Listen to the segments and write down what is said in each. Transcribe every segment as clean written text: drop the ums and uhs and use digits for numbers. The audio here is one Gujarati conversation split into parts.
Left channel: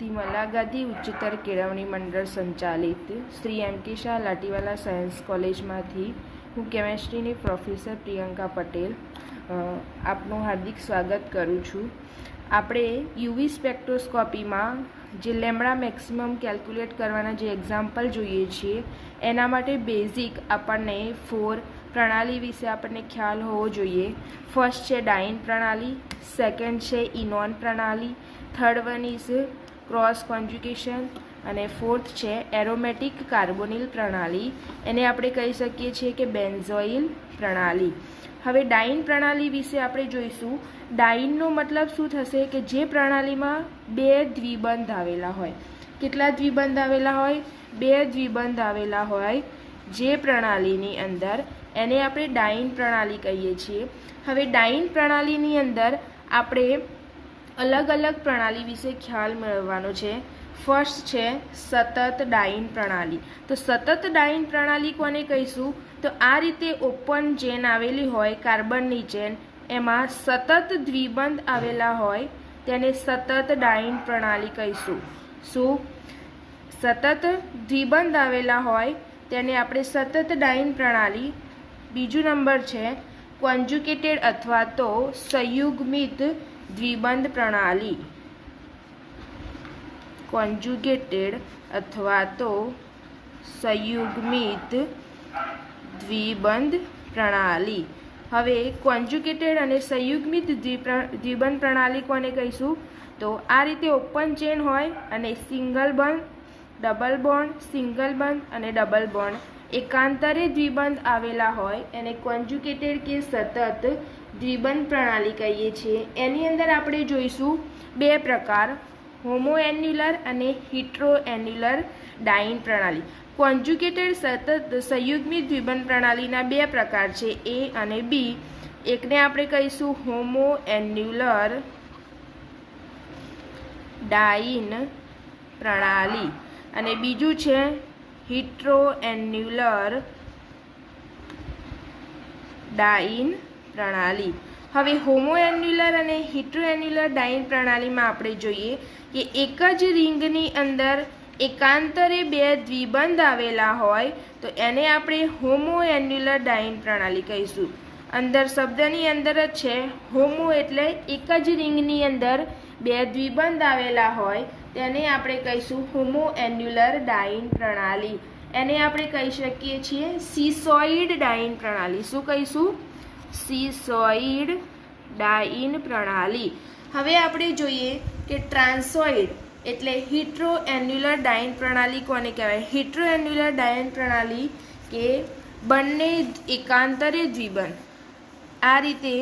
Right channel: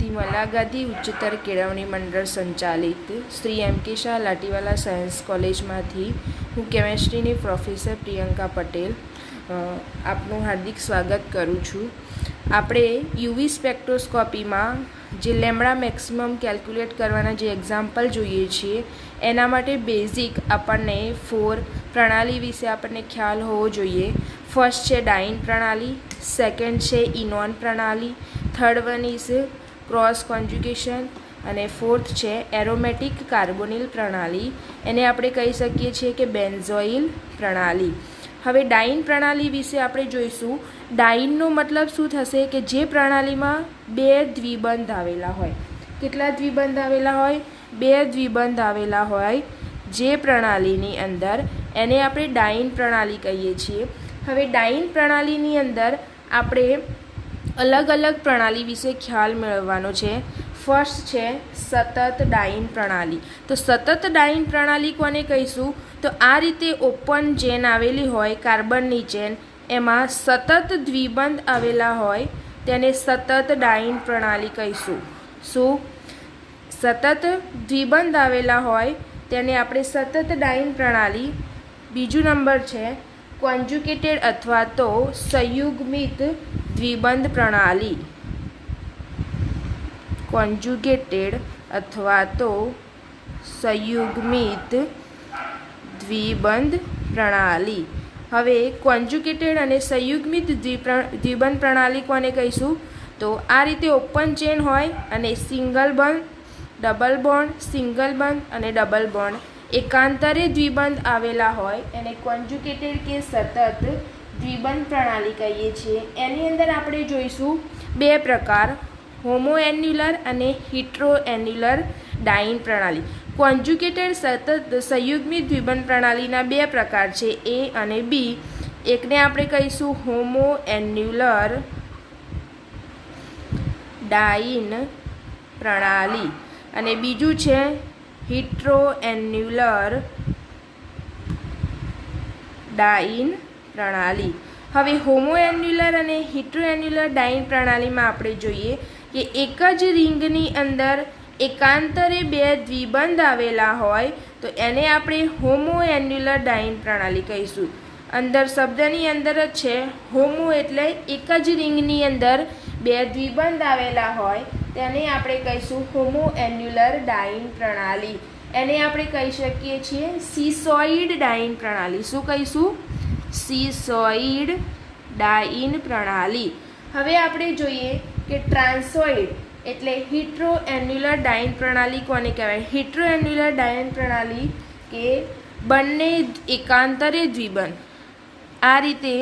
तिमला गादी उच्चतर केळवणी मंडळ संचालित श्री एम के शाह लाटीवाला सायन्स कॉलेजમાંથી હું કેમેસ્ટ્રીની પ્રોફેસર પ્રિયંકા પટેલ આપનું હાર્દિક સ્વાગત કરું છું। આપણે યુવી સ્પેક્ટ્રોસ્કોપીમાં જે લેમ્બડા મેક્સિમમ કેલ્ક્યુલેટ કરવાના જે એક્ઝામ્પલ જોઈએ છીએ એના માટે બેઝિક આપણને 4 પ્રણાલી વિશે આપણને ખ્યાલ હોવો જોઈએ। ફર્સ્ટ છે ડાઇન પ્રણાલી, સેકન્ડ છે ઇનોન પ્રણાલી, third one is cross conjugation અને ફોર્થ છે એરોમેટિક કાર્બોનિલ પ્રણાલી, એને આપણે કહી શકીએ છીએ કે બેન્ઝોઇલ પ્રણાલી। હવે ડાઇન પ્રણાલી વિશે આપણે જોઈશું। ડાઇનનો મતલબ શું થશે કે જે પ્રણાલીમાં 2 દ્વિબંધ આવેલા હોય। કેટલા દ્વિબંધ આવેલા હોય? 2 દ્વિબંધ આવેલા હોય જે પ્રણાલીની અંદર એને આપણે ડાઇન પ્રણાલી કહીએ છીએ। હવે ડાઇન પ્રણાલીની અંદર આપણે અલગ અલગ પ્રણાલી વિશે ખ્યાલ મેળવવાનો છે। ફર્સ્ટ છે સતત ડાઇન પ્રણાલી। તો સતત ડાઇન પ્રણાલી કોને કહીશું? તો આ રીતે ઓપન ચેન આવેલી હોય, કાર્બનની ચેન, એમાં સતત દ્વિબંધ આવેલા હોય તેને સતત ડાઇન પ્રણાલી કહીશું। શું? સતત દ્વિબંધ આવેલા હોય તેને આપણે સતત ડાઇન પ્રણાલી। બીજું નંબર છે કોન્જ્યુગેટેડ અથવા તો સંયુગ્મિત દ્વિબંધ પ્રણાલી। કોન્જ્યુગેટેડ અથવા તો સંયુગ્મિત દ્વિબંધ પ્રણાલી। હવે કોન્જ્યુગેટેડ અને સંયુગ્મિત દ્વિબંધ પ્રણાલી કોને કહીશું? તો આ રીતે ઓપન ચેન હોય અને સિંગલ બંધ, ડબલ બોન્ડ, સિંગલ બંધ અને ડબલ બોન્ડ એકાંતરે દ્વિબંધ આવેલા હોય એને કોન્જ્યુગેટેડ કે સતત દ્વિબંધ પ્રણાલી કહીએ છીએ। એની અંદર આપણે જોઈશું 2 પ્રકાર, હોમોએન્યુલર અને હિટ્રોએન્યુલર ડાઇન પ્રણાલી। કોન્જ્યુગેટેડ સતત સંયુગ્મિત દ્વિબંધ પ્રણાલીના 2 પ્રકાર છે, એ અને બી। એકને આપણે કહીશું હોમોએન્યુલર ડાઇન પ્રણાલી અને બીજું છે હિટ્રોએન્યુલર ડાઇન પ્રણાલી। હવે હોમોએન્યુલર અને હિટ્રોએન્યુલર ડાઇન પ્રણાલીમાં આપણે જોઈએ કે એક જ રિંગની અંદર એકાંતરે 2 દ્વિબંધ આવેલા હોય તો એને આપણે હોમોએન્યુલર ડાઇન પ્રણાલી કહીશું। અંદર શબ્દની અંદર જ છે હોમો એટલે એક જ રિંગની અંદર 2 દ્વિબંધ આવેલા હોય તેને આપણે કહીશું હોમોએન્યુલર ડાઇન પ્રણાલી। એને આપણે કહી શકીએ છીએ સિસોઇડ ડાઇન પ્રણાલી। શું કહીશું? સિસોઇડ ડાઇન પ્રણાલી। હવે આપણે જોઈએ કે ટ્રાન્સોઇડ એટલે હિટ્રોએન્યુલર ડાઇન પ્રણાલી કોને કહેવાય? હિટ્રોએન્યુલર ડાઇન પ્રણાલી કે બંને એકાંતરે દ્વિબંધ, આ રીતે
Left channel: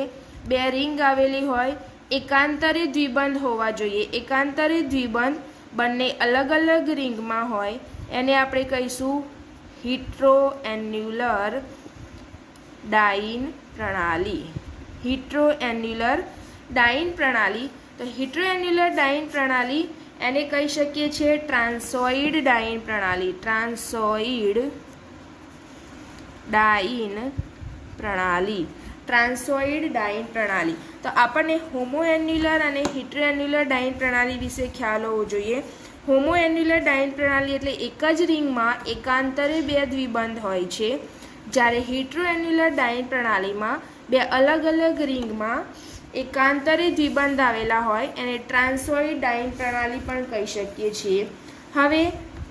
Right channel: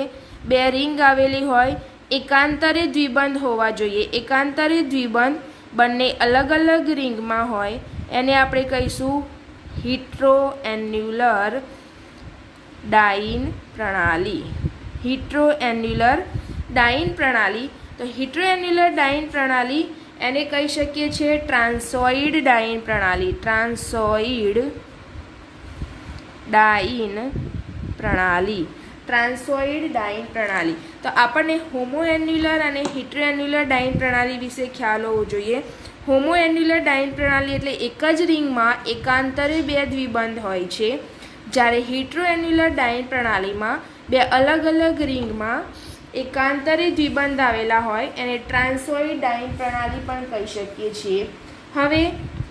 2 રિંગ આવેલી હોય, એકાંતરે દ્વિબંધ હોવા જોઈએ। એકાંતરે દ્વિબંધ બંને અલગ અલગ રિંગમાં હોય એને આપણે કહીશું હિટ્રોએન્યુલર ડાઇન પ્રણાલી। હિટ્રોએન્યુલર ડાઇન પ્રણાલી। તો હિટ્રોએન્યુલર ડાઇન પ્રણાલી એને કહી શકીએ છીએ ટ્રાન્સોઇડ ડાઇન પ્રણાલી। ટ્રાન્સોઇડ ડાઇન પ્રણાલી। ટ્રાન્સોઇડ ડાઇન પ્રણાલી। તો આપણને હોમોએન્યુલર અને હિટ્રોએન્યુલર ડાઇન પ્રણાલી વિશે ખ્યાલ હોવો જોઈએ। હોમોએન્યુલર ડાઇન પ્રણાલી એટલે એક જ રિંગમાં એકાંતરે 2 દ્વિબંધ હોય છે, જ્યારે હિટ્રોએન્યુલર ડાઇન પ્રણાલીમાં 2 અલગ અલગ રિંગમાં એકાંતરે દ્વિબંધ આવેલા હોય એને ટ્રાન્સોઇડ ડાઇન પ્રણાલી પણ કહી શકીએ છીએ। હવે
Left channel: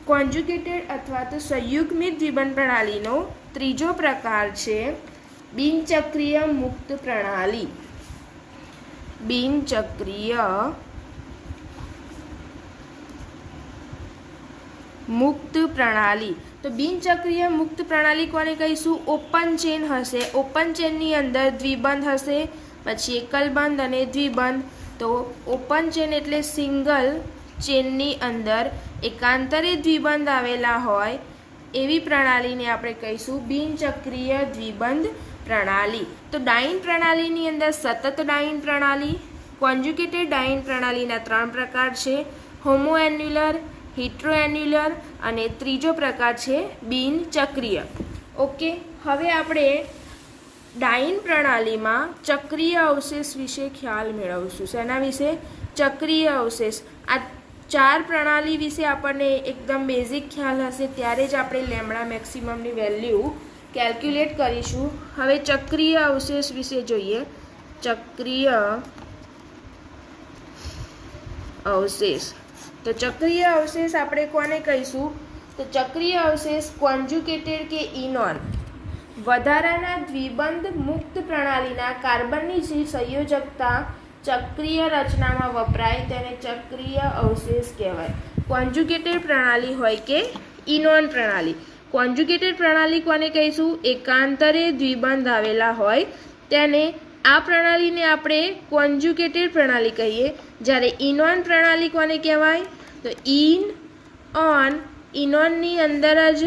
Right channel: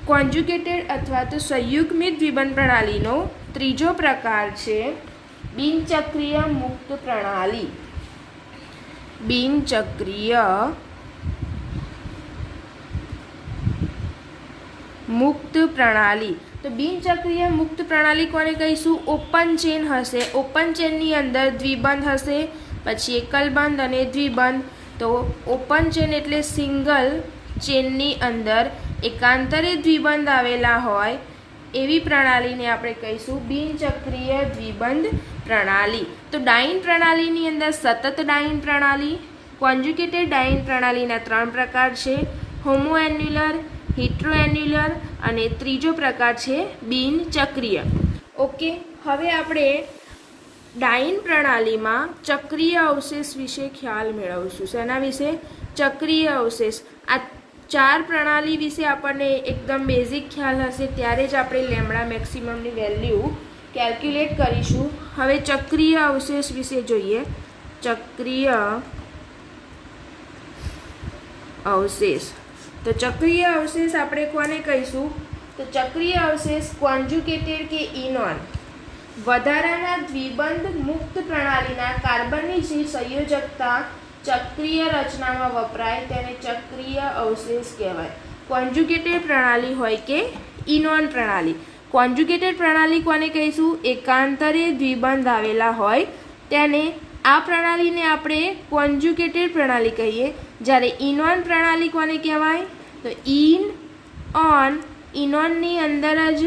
કોન્જ્યુગેટેડ અથવા તો સંયુગ્મિત દ્વિબંધ પ્રણાલીનો ત્રીજો પ્રકાર છે બિનચક્રીય મુક્ત પ્રણાલી। બિનચક્રીય મુક્ત પ્રણાલી। તો બિનચક્રીય મુક્ત પ્રણાલી કોને કહીશું? ઓપન ચેન હશે, ઓપન ચેનની અંદર દ્વિબંધ હશે, પછી એકલબંધ અને દ્વિબંધ। તો ઓપન ચેન એટલે સિંગલ ચેનની અંદર એકાંતરે દ્વિબંધ આવેલા હોય એવી પ્રણાલીને આપણે કહીશું બિનચક્રીય દ્વિબંધ પ્રણાલી। તો ડાઇન પ્રણાલીની અંદર સતત ડાઇન પ્રણાલી, કોન્જ્યુગેટેડ ડાઇન પ્રણાલીના 3 પ્રકાર છે, હોમોએન્યુલર, હિટ્રોએન્યુલર અને ત્રીજો પ્રકાર છે બિનચક્રીય। ઓકે, હવે આપણે ડાઇન પ્રણાલીમાં ચક્રીય અવશેષ વિશે ખ્યાલ મેળવશું। શેના વિશે? ચક્રીય અવશેષ। આ ચાર પ્રણાલી વિશે આપણને એકદમ બેઝિક ખ્યાલ હશે ત્યારે જ આપણે લેમ્ડા મેક્સિમમની વેલ્યુ કેલ્ક્યુલેટ કરીશું. હવે ચક્રીય અવશેષ વિશે જોઈએ. ચક્રીય અવશેષ, તો ચક્રીય અવશેષ આપણે કોને કહીશું? તો ચક્રીય અવશેષ કોન્જ્યુગેટેડ કે ઇનોન વધારાના દ્વિબંધ મુક્ત પ્રણાલીના કાર્બનની જે સંયોજકતા ચક્રીય રચનામાં વપરાય તેને ચક્રીય અવશેષ કહેવાય. કોન્જ્યુગેટેડ પ્રણાલી હોય કે ઇનોન પ્રણાલી. કોન્જ્યુગેટેડ પ્રણાલી કોને કહીશું? એકાંતરે દ્વિબંધ આવેલા હોય તેને, આ પ્રણાલીને આપણે કોન્જ્યુગેટેડ પ્રણાલી કહીએ. જ્યારે ઇનોન પ્રણાલી કોને કહેવાય? તો ઇન-ઓન, ઇનોનની અંદર જ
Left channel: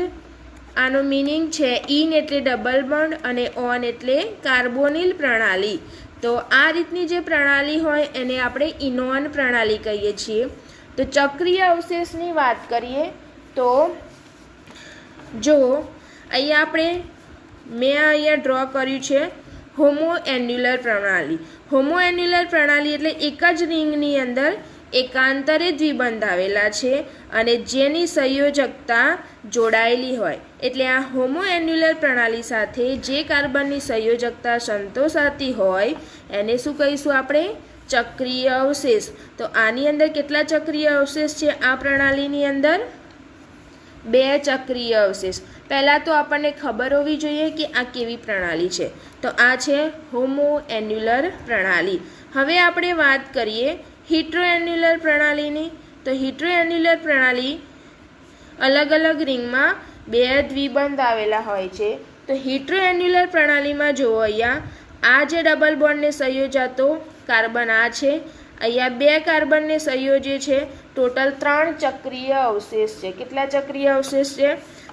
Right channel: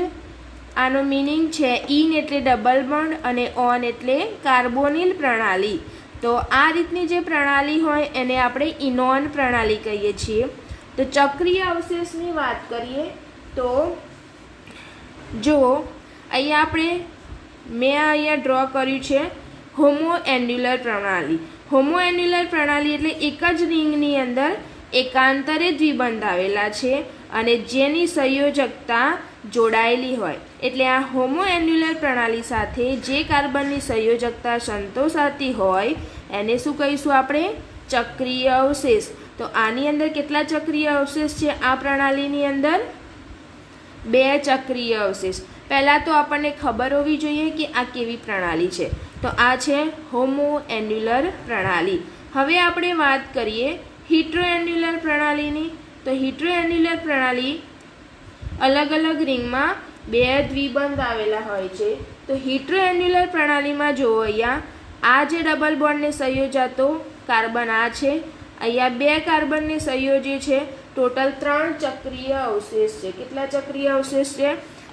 આનો મિનિંગ છે. ઇન એટલે ડબલ બોન્ડ અને ઓન એટલે કાર્બોનિલ પ્રણાલી. તો આ રીતની જે પ્રણાલી હોય એને આપણે ઇનોન પ્રણાલી કહીએ છીએ. તો ચક્રીય અવશેષની વાત કરીએ તો જો મેં અહીંયા ડ્રો કર્યું છે હોમો એન્યુલર પ્રણાલી. હોમો એન્યુલર પ્રણાલી એટલે એક જ રિંગની અંદર એકાંતરે દ્વિબંધ આવેલા છે અને જેની સંયોજકતા જોડાયેલી હોય. એટલે આ હોમો એન્યુલર પ્રણાલી સાથે જે કાર્બનની સંયોજકતા સંતોષાતી હોય એને શું કહીશું આપણે? ચક્રીય અવશેષ. તો આની અંદર કેટલા ચક્રીય અવશેષ છે? આ પ્રણાલીની અંદર 2 ચક્રીય અવશેષ. પહેલાં તો આપણને ખબર હોવી જોઈએ કે આ કેવી પ્રણાલી છે. તો આ છે હોમો એન્યુલર પ્રણાલી. હવે આપણે વાત કરીએ હિટ્રો એન્યુલર પ્રણાલીની. તો હિટ્રો એન્યુલર પ્રણાલી અલગ અલગ રિંગમાં 2 દ્વિબંધ આવેલા હોય છે. તો હિટ્રો એન્યુલર પ્રણાલીમાં જુઓ, અહીંયા આ જે ડબલ બોન્ડને સંયોજાતો કાર્બન આ છે, અહીંયા 2 કાર્બનને સંયોજે છે. ટોટલ 3 ચક્રીય અવશેષ છે. કેટલા ચક્રીય અવશેષ છે?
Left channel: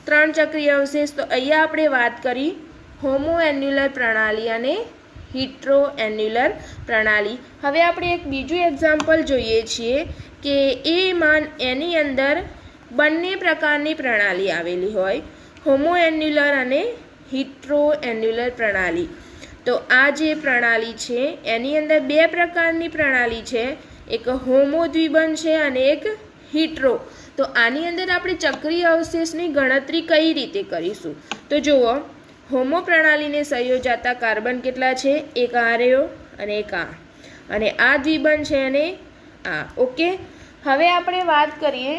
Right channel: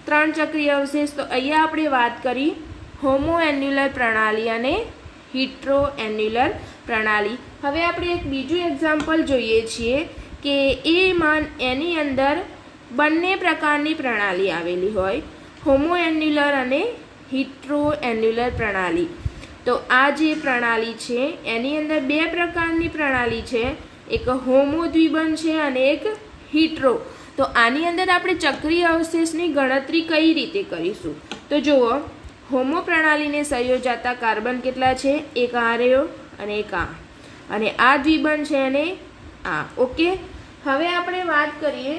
3 ચક્રીય અવશેષ. તો અહીંયા આપણે વાત કરી હોમો એન્યુલર પ્રણાલી અને હિટ્રો એન્યુલર પ્રણાલી. હવે આપણે એક બીજું એક્ઝામ્પલ જોઈએ છીએ કે એની અંદર બંને પ્રકારની પ્રણાલી આવેલી હોય, હોમો એન્યુલર અને હિટ્રો એન્યુલર પ્રણાલી. તો આ જે પ્રણાલી છે એની અંદર 2 પ્રકારની પ્રણાલી છે, એક હોમો દ્વિબંધ છે અને એક હિટ્રો. તો આની અંદર આપણે ચક્રીય અવશેષની ગણતરી કઈ રીતે કરીશું? તો જુઓ, હોમો પ્રણાલીને સંયોજાતા કાર્બન કેટલા છે? એક આ રહ્યો અને એક આ, અને આ દ્વિબંધ છે અને આ. ઓકે, હવે આપણે વાત કરીએ,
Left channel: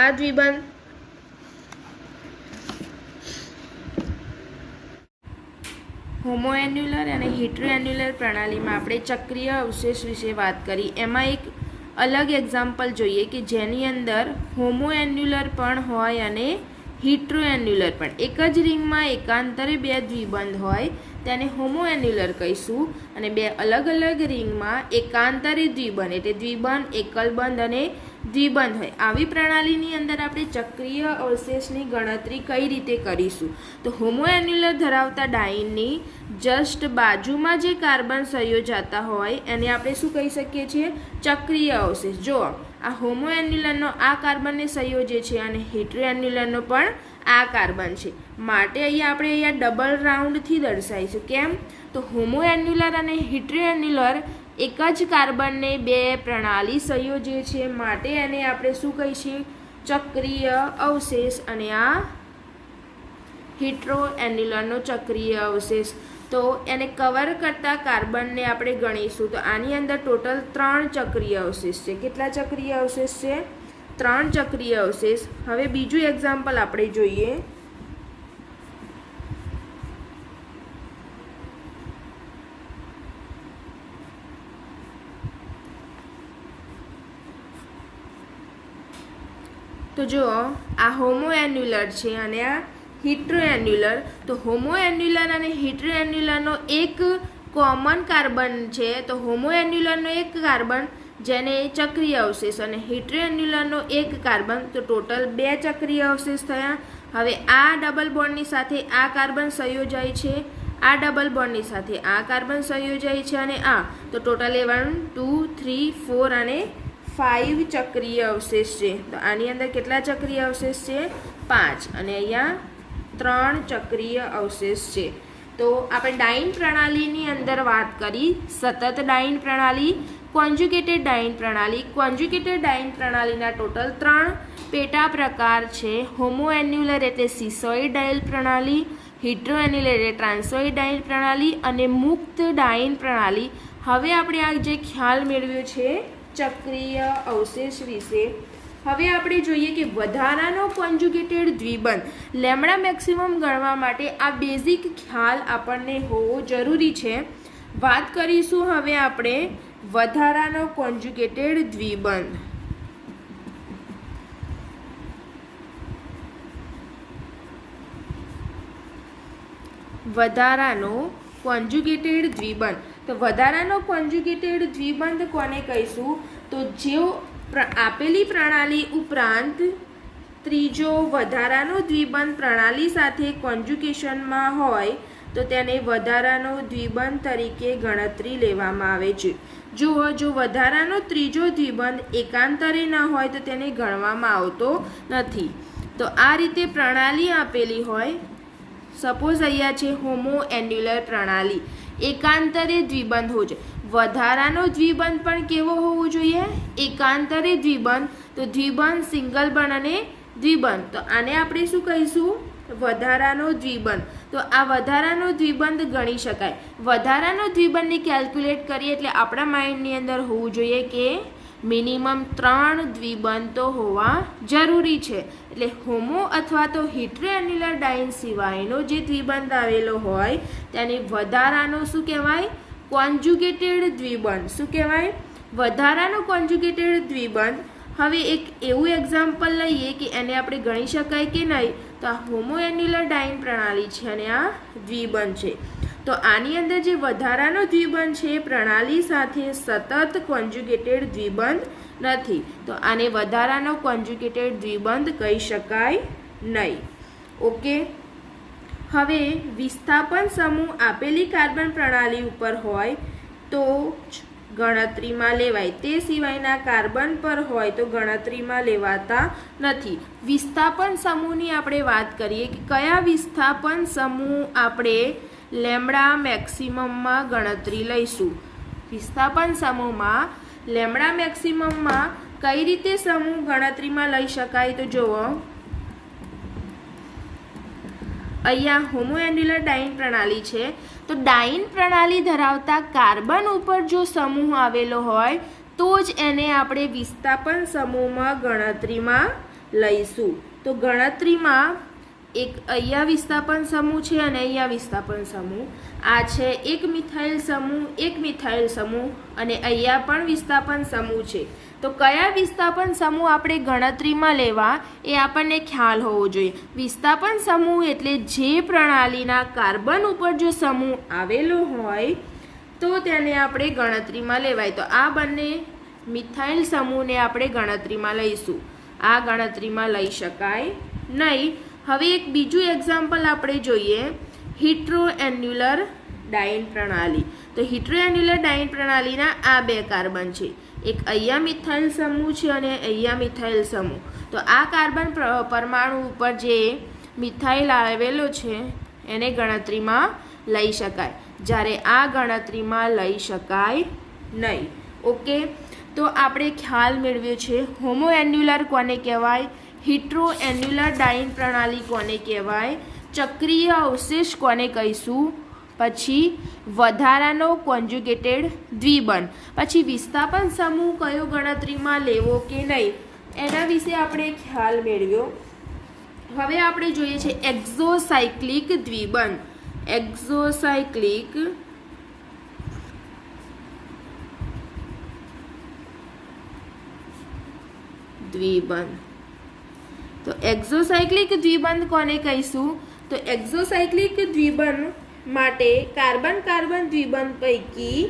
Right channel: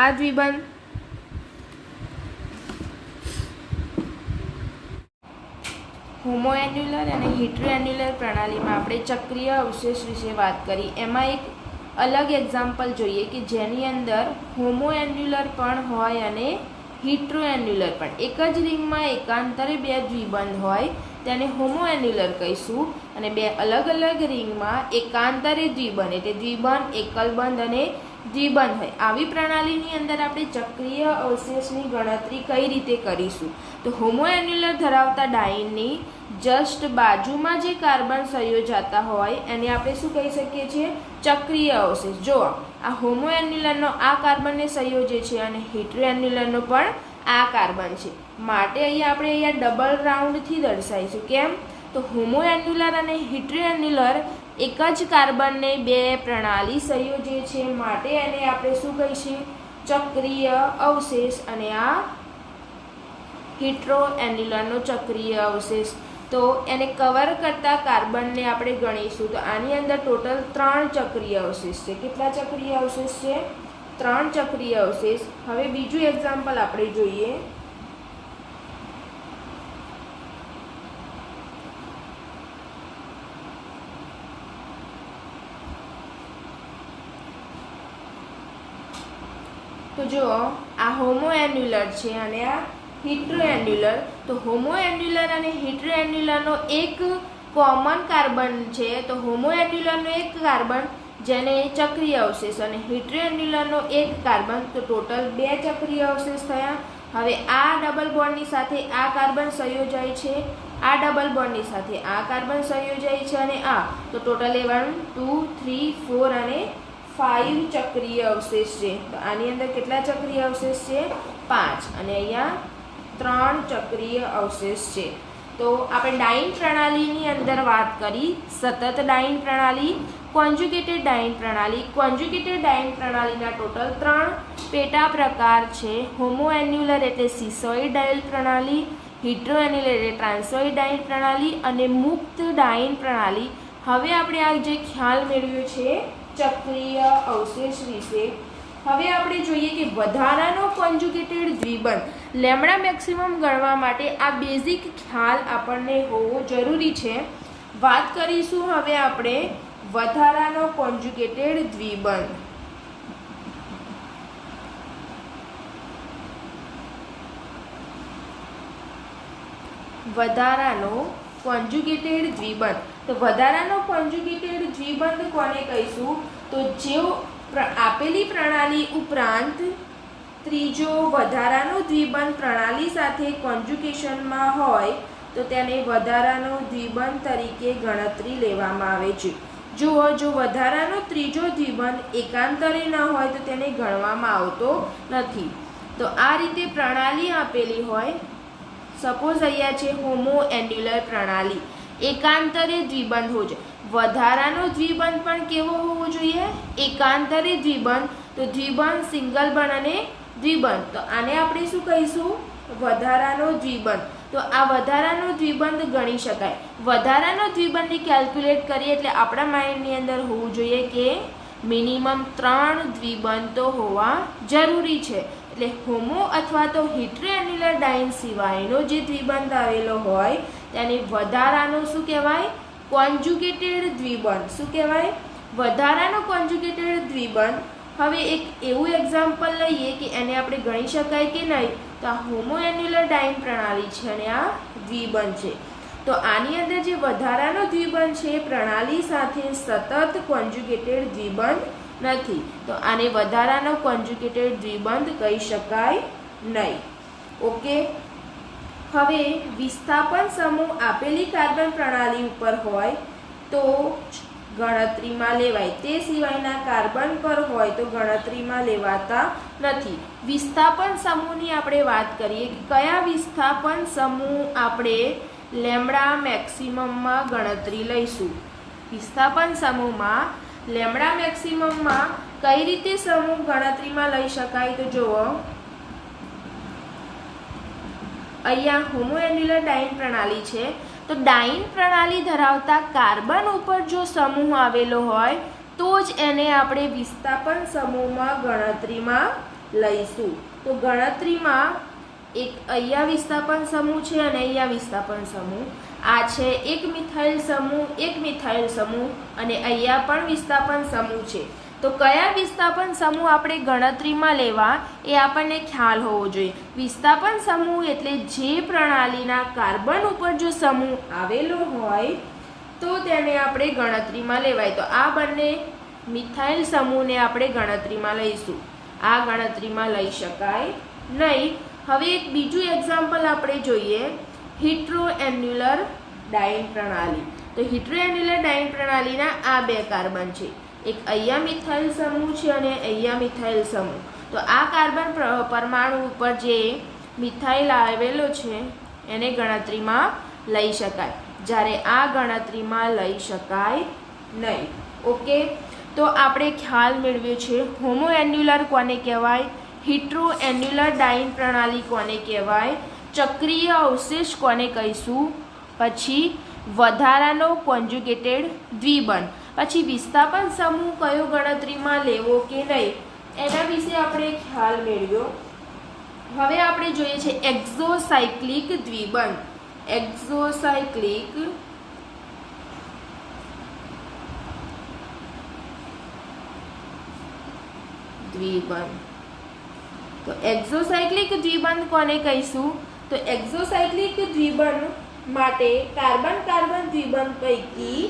આ દ્વિબંધ, હોમો એન્યુલર અને હિટ્રો એન્યુલર પ્રણાલીમાં આપણે ચક્રીય અવશેષ વિશે વાત કરી. એમાં એક અલગ એક્ઝામ્પલ જોઈએ કે જેની અંદર હોમો એન્યુલર પણ હોય અને હિટ્રો એન્યુલર પણ. એક જ રિંગમાં એકાંતરે 2 દ્વિબંધ હોય તેને હોમો એન્યુલર કહીશું, અને 2 અલગ અલગ રિંગમાં એકાંતરે દ્વિબંધ એટલે દ્વિબંધ, એકલબંધ અને દ્વિબંધ હોય. આવી પ્રણાલીની અંદર આપણે ચક્રીય અવશેષની ગણતરી કઈ રીતે કરીશું? તો હોમો એન્યુલર ધરાવતા ડાઇનની જસ્ટ બાજુમાં જે કાર્બન સંયોજાતા હોય એને આપણે શું કહી શકીએ છીએ? ચક્રીય અવશેષ. જો આ હોમો એન્યુલરનો આ કાર્બનને સંયોજે છે અને હિટ્રો એન્યુલરનો પણ આ કાર્બન છે, માટે અહીંયા ડબલ રાઉન્ડથી દર્શાવીશું. કેમ? તો હોમો એન્યુલર અને હિટ્રો એન્યુલર એક જ કાર્બનને 2 પ્રણાલી સંયોજે છે, માટે એને આપણે શું કહીશું? ચક્રીય અવશેષ. અને આ હિટ્રો એન્યુલરનો ચક્રીય અવશેષ. તો એને કવર કરતા કાર્બનને આપણે ગણીશું. તો આની અંદર ટોટલ 3 ચક્રીય અવશેષ છે. કેટલા ચક્રીય અવશેષ છે? 3 ચક્રીય અવશેષ. હવે બીજું એક્ઝામ્પલ આપણે જોઈએ. તો જો આ હોમો એન્યુલર છે અને આ હિટ્રો એન્યુલર. તો હોમો એન્યુલર અને હિટ્રો એન્યુલરનો એક કોમન કાર્બન છે. તો હોમો એન્યુલરનો એક કાર્બન જેને ચક્રીય અવશેષ અને હિટ્રો એન્યુલરનો એક કાર્બન, તો ટોટલ 2 ચક્રીય અવશેષ થયા. હવે આ ડબલ બોન્ડની સાથે આ કાર્બન સંયોજાય છે, આ ડબલ બોન્ડની સાથે આ કાર્બન સંયોજાય છે અને આ, તો ટોટલ 1 2 3 4 અને 5 ચક્રીય અવશેષ છે. તો આની અંદર કેટલા ચક્રીય અવશેષ છે? 5. અને અહીંયા 3 ચક્રીય અવશેષ છે. તો આપણે ડાયન પ્રણાલીની અંદર વાત કરી સતત ડાયન પ્રણાલી, કોન્જ્યુગેટેડ ડાયન પ્રણાલી. કોન્જ્યુગેટેડ ડાયન પ્રણાલીના ટોટલ 3 પેટા પ્રકાર છે. હોમોએન્યુલર એટલે સિસોઇડ ડાયલ પ્રણાલી, હિટ્રોએન્યુલર એટલે ટ્રાન્સોઇડ ડાયન પ્રણાલી અને મુક્ત ડાયન પ્રણાલી. હવે આપણે આ જે ખ્યાલ મેળવ્યો છે ચક્રીય અવશેષ વિશે, હવે આપણે જોઈએ કે વધારાનો કોન્જ્યુગેટેડ દ્વિબંધ લેમ્ડા મેક્સિમમ ગણવા માટે આ બેઝિક ખ્યાલ આપણને હોવો જરૂરી છે. વાત કરીશું હવે આપણે વધારાનો કોન્જ્યુગેટેડ દ્વિબંધ. વધારાનો કોન્જ્યુગેટેડ દ્વિબંધ. તો વધારાનો કોન્જ્યુગેટેડ દ્વિબંધ કોને કહીશું? તો જેઓ આપેલી પ્રણાલી ઉપરાંત ત્રીજો વધારાનો દ્વિબંધ પ્રણાલી સાથે કોન્જ્યુગેશનમાં હોય તો તેને વધારાનો દ્વિબંધ તરીકે ગણતરી લેવામાં આવે છે. જો વધારાનો ત્રીજો દ્વિબંધ એકાંતરે ન હોય તો તેને ગણવામાં આવતો નથી. તો આ રીતે પ્રણાલી આપેલી હોય, સપોઝ અહીંયા છે હોમોએન્યુલર પ્રણાલી, એકાંતરે દ્વિબંધ હોવો જોઈએ. વધારાનો દ્વિબંધ પણ કેવો હોવો જોઈએ? એકાંતરે દ્વિબંધ. તો દ્વિબંધ સિંગલ બંધ અને દ્વિબંધ, તો આને આપણે શું કહીશું? વધારાનો દ્વિબંધ. તો આ વધારાનો દ્વિબંધ ગણી શકાય. વધારાનો દ્વિબંધને કેલ્ક્યુલેટ કરીએ એટલે આપણા માઇન્ડની અંદર હોવું જોઈએ કે મિનિમમ 3 દ્વિબંધ તો હોવા જરૂરી છે. એટલે હોમો અથવા તો હિટ્રોએન્યુલર ડાયન સિવાયનો જે દ્વિબંધ આવેલો હોય તેને વધારાનો શું કહેવાય? કોન્જ્યુગેટેડ દ્વિબંધ. શું કહેવાય? વધારાનો કોન્જ્યુગેટેડ દ્વિબંધ. હવે એક એવું એક્ઝામ્પલ લઈએ કે એને આપણે ગણી શકાય કે નહીં. તો આ હોમોએન્યુલર ડાયન પ્રણાલી છે અને આ દ્વિબંધ છે. તો આની અંદર જે વધારાનો દ્વિબંધ છે પ્રણાલી સાથે સતત કોન્જ્યુગેટેડ દ્વિબંધ નથી, તો આને વધારાનો કોન્જ્યુગેટેડ દ્વિબંધ કહી શકાય નહીં. ઓકે. હવે વિસ્થાપન સમૂહ આપેલી કાર્બન પ્રણાલી ઉપર હોય તો ગણતરીમાં લેવાય, તે સિવાયના કાર્બન પર હોય તો ગણતરીમાં લેવાતા નથી. વિસ્થાપન સમૂહની આપણે વાત કરીએ કે કયા વિસ્થાપન સમૂહ આપણે લેમ્ડા મેક્સિમમમાં ગણતરી લઈશું. વિસ્થાપન સમૂહમાં લેમ્ડા મેક્સિમમમાં કઈ રીતે સમૂહ ગણતરીમાં લઈ શકાય? તો જુઓ, અહીંયા હોમોએન્યુલર ડાયન પ્રણાલી છે. તો ડાયન પ્રણાલી ધરાવતા કાર્બન ઉપર જો સમૂહ આવેલો હોય તો જ એને આપણે વિસ્થાપન સમૂહમાં ગણતરીમાં લઈશું. તો ગણતરીમાં એક અહીંયા વિસ્થાપન સમૂહ છે અને અહીંયા વિસ્થાપન સમૂહ. આ છે એક મિથાઇલ સમૂહ, એક મિથાઇલ સમૂહ અને અહીંયા પણ વિસ્થાપન સમૂહ છે. તો કયા વિસ્થાપન સમૂહ આપણે ગણતરીમાં લેવા એ આપણને ખ્યાલ હોવો જોઈએ. વિસ્થાપન સમૂહ એટલે જે પ્રણાલીના કાર્બન ઉપર જો સમૂહ આવેલો હોય તો તેને આપણે ગણતરીમાં લેવાય. તો આ બંને મિથાઇલ સમૂહને આપણે ગણતરીમાં લઈશું. આ ગણતરીમાં લઈ શકાય નહીં. હવે એક બીજું એક્ઝામ્પલ આપણે જોઈએ, હિટ્રોએન્યુલર ડાયન પ્રણાલી. તો હિટ્રોએન્યુલર ડાયન પ્રણાલીના આ 2 કાર્બન છે. એક અહીંયા મિથાઇલ સમૂહ છે અને અહીંયા મિથાઇલ સમૂહ. તો આ કાર્બન પરમાણુ ઉપર જે મિથાઇલ આવેલો છે એને ગણતરીમાં લઈ શકાય, જ્યારે આ ગણતરીમાં લઈ શકાય નહીં. ઓકે. તો આપણે ખ્યાલ મેળવ્યો છે હોમોએન્યુલર કોને કહેવાય, હિટ્રોએન્યુલર ડાયન પ્રણાલી કોને કહેવાય, ચક્રીય અવશેષ કોને કહીશું, પછી વધારાનો કોન્જ્યુગેટેડ દ્વિબંધ, પછી વિસ્થાપન સમૂહ કયો ગણતરીમાં લેવો કે નહીં એના વિશે આપણે ખ્યાલ મેળવ્યો. હવે આપણે જોઈએ છે એક્ઝોસાયક્લિક દ્વિબંધ. એક્ઝોસાયક્લિક દ્વિબંધ. તો એક્ઝોસાયક્લિક દ્વિબંધ કોને કહીશું? તો એક્ઝોસાયક્લિક દ્વિબંધ માટે કાર્બન કાર્બન દ્વિબંધ પૈકી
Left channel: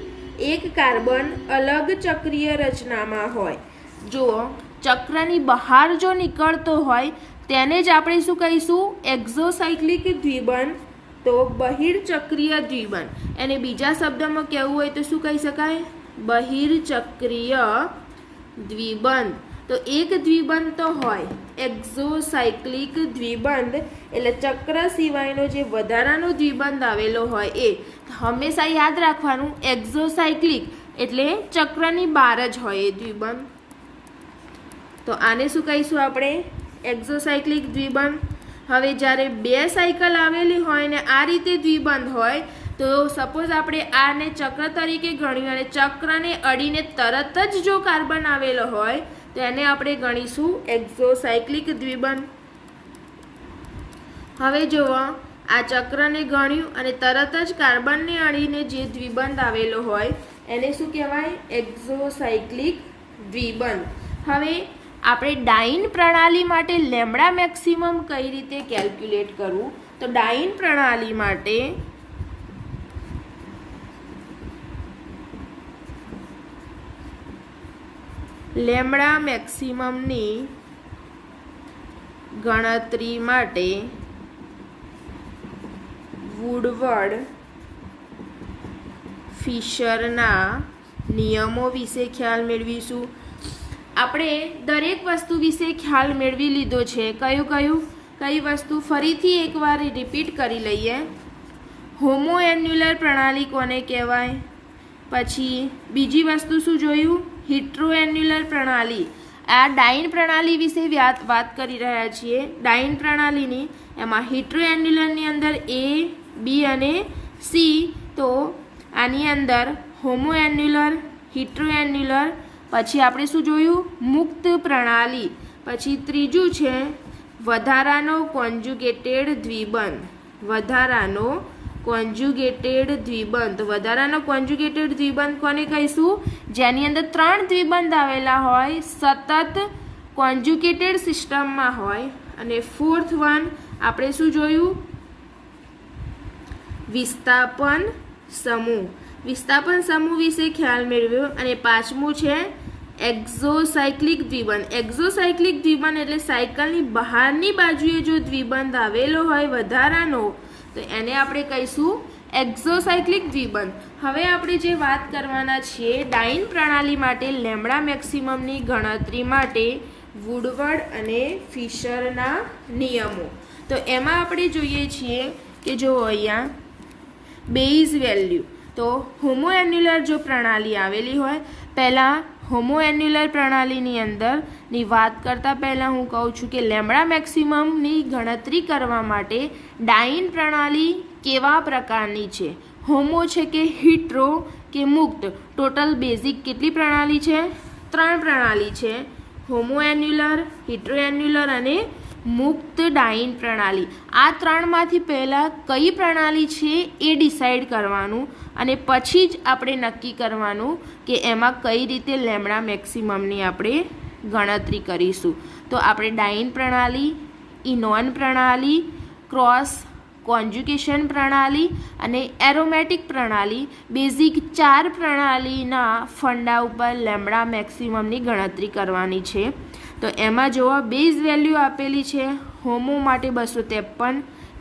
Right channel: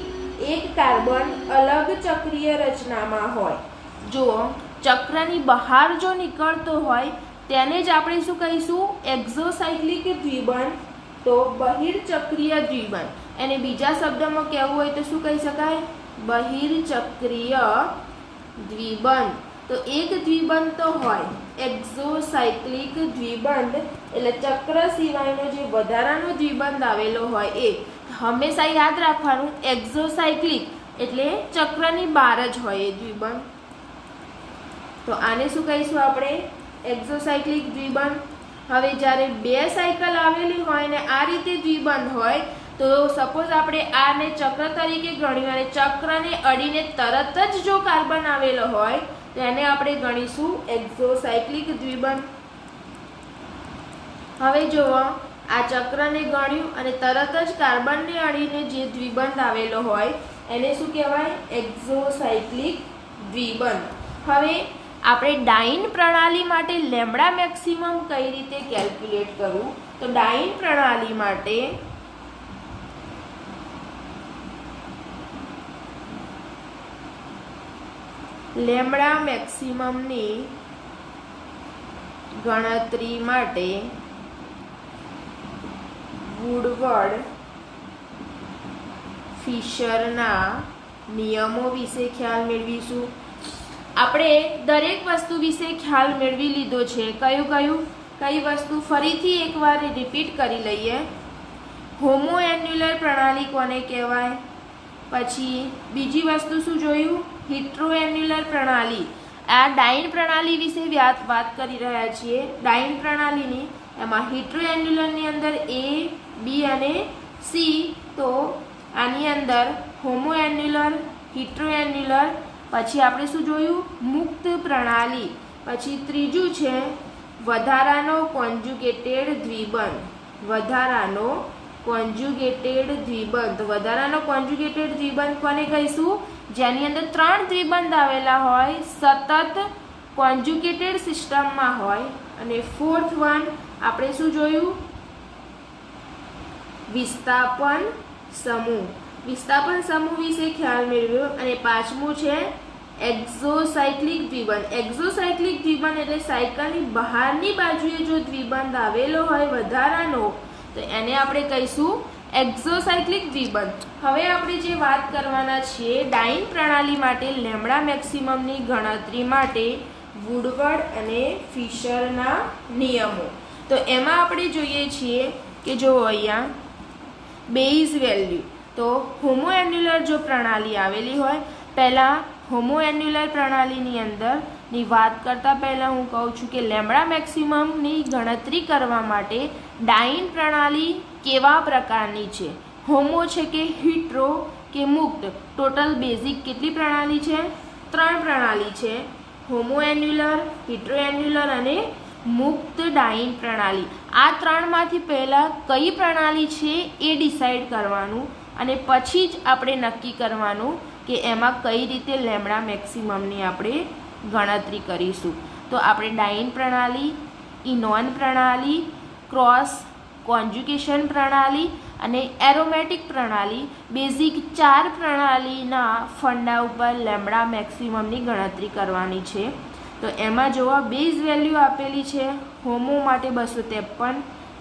એક કાર્બન અલગ ચક્રીય રચનામાં હોય. જો ચક્રની બહાર જો નીકળતો હોય તેને જ આપણે શું કહીશું? એક્ઝોસાયક્લિક દ્વિબંધ. તો બહિર્ચક્રીય દ્વિબંધ. એને બીજા શબ્દમાં કહેવું હોય તો શું કહી શકાય? બહિર્ચક્રીય દ્વિબંધ. તો એક દ્વિબંધ તો હોય એક્ઝોસાયક્લિક દ્વિબંધ, એટલે ચક્ર સિવાયનો જે વધારાનો દ્વિબંધ આવેલો હોય એ હંમેશા યાદ રાખવાનું. એક્ઝોસાયક્લિક એટલે ચક્રની બહાર જ હોય એ દ્વિબંધ. તો આને શું કહીશું આપણે? એક્ઝોસાયક્લિક દ્વિબંધ. હવે જ્યારે બે સાયકલ આવેલી હોય ને આ રીતે દ્વિબંધ હોય તો સપોઝ આપણે આને ચક્ર તરીકે ગણ્યું અને ચક્રને અડીને તરત જ જો કાર્બન આવેલો હોય તો એને આપણે ગણીશું એક્ઝોસાયક્લિક દ્વિબંધ. હવે જુઓ, આ ચક્રને ગણ્યું અને તરત જ કાર્બનને અડીને જે દ્વિબંધ આવેલો હોય એને શું કહેવાય? એક્ઝોસાયક્લિક દ્વિબંધ. હવે આપણે ડાઇન પ્રણાલી માટે લેમ્બડા મેક્સિમમ કઈ રીતે કેલ્ક્યુલેટ કરવું? તો ડાઇન પ્રણાલી માટે લેમ્બડા મેક્સિમમની ગણતરી માટે વુડવર્ડ ફિશરના નિયમો વિશે ખ્યાલ મેળવીશું. આપણે દરેક વસ્તુ વિશે ખ્યાલ મેળવી લીધો છે. કઈ વસ્તુ ફરીથી એકવાર રિપીટ કરી લઈએ. હોમોએન્યુલર પ્રણાલી કોને કહેવાય? પછી બીજી વસ્તુ શું જોયું? હિટ્રોએન્યુલર પ્રણાલી. આ ડાઇન પ્રણાલી વિશે વાત કરી રહ્યા છીએ. ડાઇન પ્રણાલીની એમાં હિટ્રોએન્યુલરની અંદર A, B અને C. તો આની અંદર હોમોએન્યુલર, હિટ્રોએન્યુલર, પછી આપણે શું જોયું? મુક્ત પ્રણાલી. પછી ત્રીજું છે વધારાનો કોન્જ્યુગેટેડ દ્વિબંધ. વધારાનો કોન્જ્યુગેટેડ દ્વિબંધ. વધારાનો કોન્જ્યુગેટેડ દ્વિબંધ કોને કહીશું? જેની અંદર 3 દ્વિબંધ આવેલા હોય, સતત કોન્જ્યુગેટેડ સિસ્ટમમાં હોય. અને ફોર્થ વન આપણે શું જોયું? વિસ્થાપન સમૂહ. વિસ્થાપન સમૂહ વિશે ખ્યાલ મેળવ્યો. અને પાંચમું છે એક્ઝોસાયક્લિક દ્વિબંધ. એક્ઝોસાયક્લિક દ્વિબંધ એટલે સાયકલની બહારની બાજુએ જો દ્વિબંધ આવેલો હોય વધારાનો તો એને આપણે કહીશું એક્ઝોસાયક્લિક દ્વિબંધ. હવે આપણે જે વાત કરવાના છીએ ડાઇન પ્રણાલી માટે લેમ્બડા મેક્સિમમની ગણતરી માટે વુડવર્ડ અને ફિશરના નિયમો. તો એમાં આપણે જોઈએ છીએ કે જો અહીંયા બેઝ વેલ્યુ. તો હોમોએન્યુલર જો પ્રણાલી આવેલી હોય, પહેલાં હોમોએન્યુલર પ્રણાલીની અંદરની વાત કરતાં પહેલાં હું કહું છું કે લેમ્બડા મેક્સિમમની ગણતરી કરવા માટે ડાઇન પ્રણાલી કેવા પ્રકારની છે? હોમો છે કે હિટ્રો કે મુક્ત? ટોટલ બેઝિક કેટલી પ્રણાલી છે? 3 પ્રણાલી છે. હોમોએન્યુલર, હિટ્રોએન્યુલર અને મુક્ત ડાઇન પ્રણાલી. આ 3માંથી પહેલાં કઈ પ્રણાલી છે એ ડિસાઈડ કરવાનું અને પછી જ આપણે નક્કી કરવાનું કે એમાં કઈ રીતે લેમ્બડા મેક્સિમમની આપણે ગણતરી કરીશું. તો આપણે ડાઇન પ્રણાલી, ઇનોન પ્રણાલી, ક્રોસ કોન્જ્યુગેશન પ્રણાલી અને એરોમેટિક પ્રણાલી, બેઝિક 4 પ્રણાલીના ફંડા ઉપર લેમ્બડા મેક્સિમમની ગણતરી કરવાની છે. તો એમાં જોવા બેઝ વેલ્યુ આપેલી છે. હોમો માટે 253,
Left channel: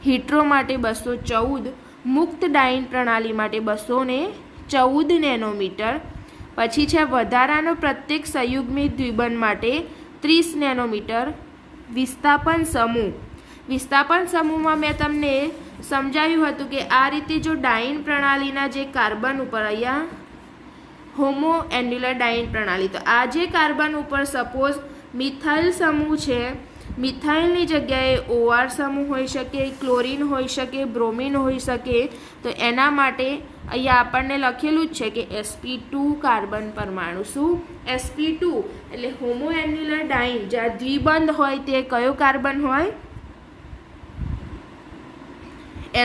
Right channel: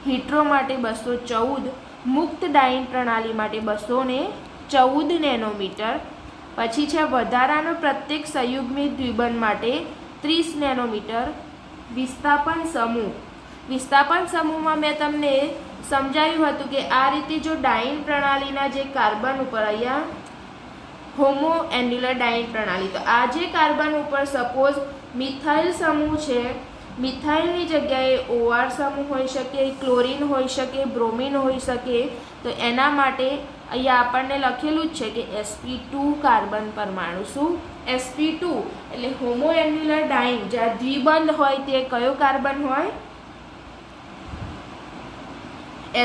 હિટ્રો માટે 214, મુક્ત ડાઇન પ્રણાલી માટે 214 નેનોમીટર. પછી છે વધારાનો પ્રત્યેક સંયુગ્મિત દ્વિબંધ માટે 30 નેનોમીટર. વિસ્થાપન સમૂહ. વિસ્થાપન સમૂહમાં મેં તમને સમજાવ્યું હતું કે આ રીતે જો ડાઇન પ્રણાલીના જે કાર્બન ઉપર અહીંયા હોમોએન્યુલર ડાઇન પ્રણાલી, તો આ જે કાર્બન ઉપર સપોઝ મિથાઇલ સમૂહ છે, મિથાઇલની જગ્યાએ OR સમૂહ હોઈ શકે, ક્લોરીન હોઈ શકે, બ્રોમિન હોઈ શકે. તો એના માટે અહીંયા આપણને લખેલું જ છે કે sp2 કાર્બન પરમાણુ. શું? sp2 એટલે હોમોએન્યુલર ડાઇન જ્યાં દ્વિબંધ હોય તે કયો કાર્બન હોય?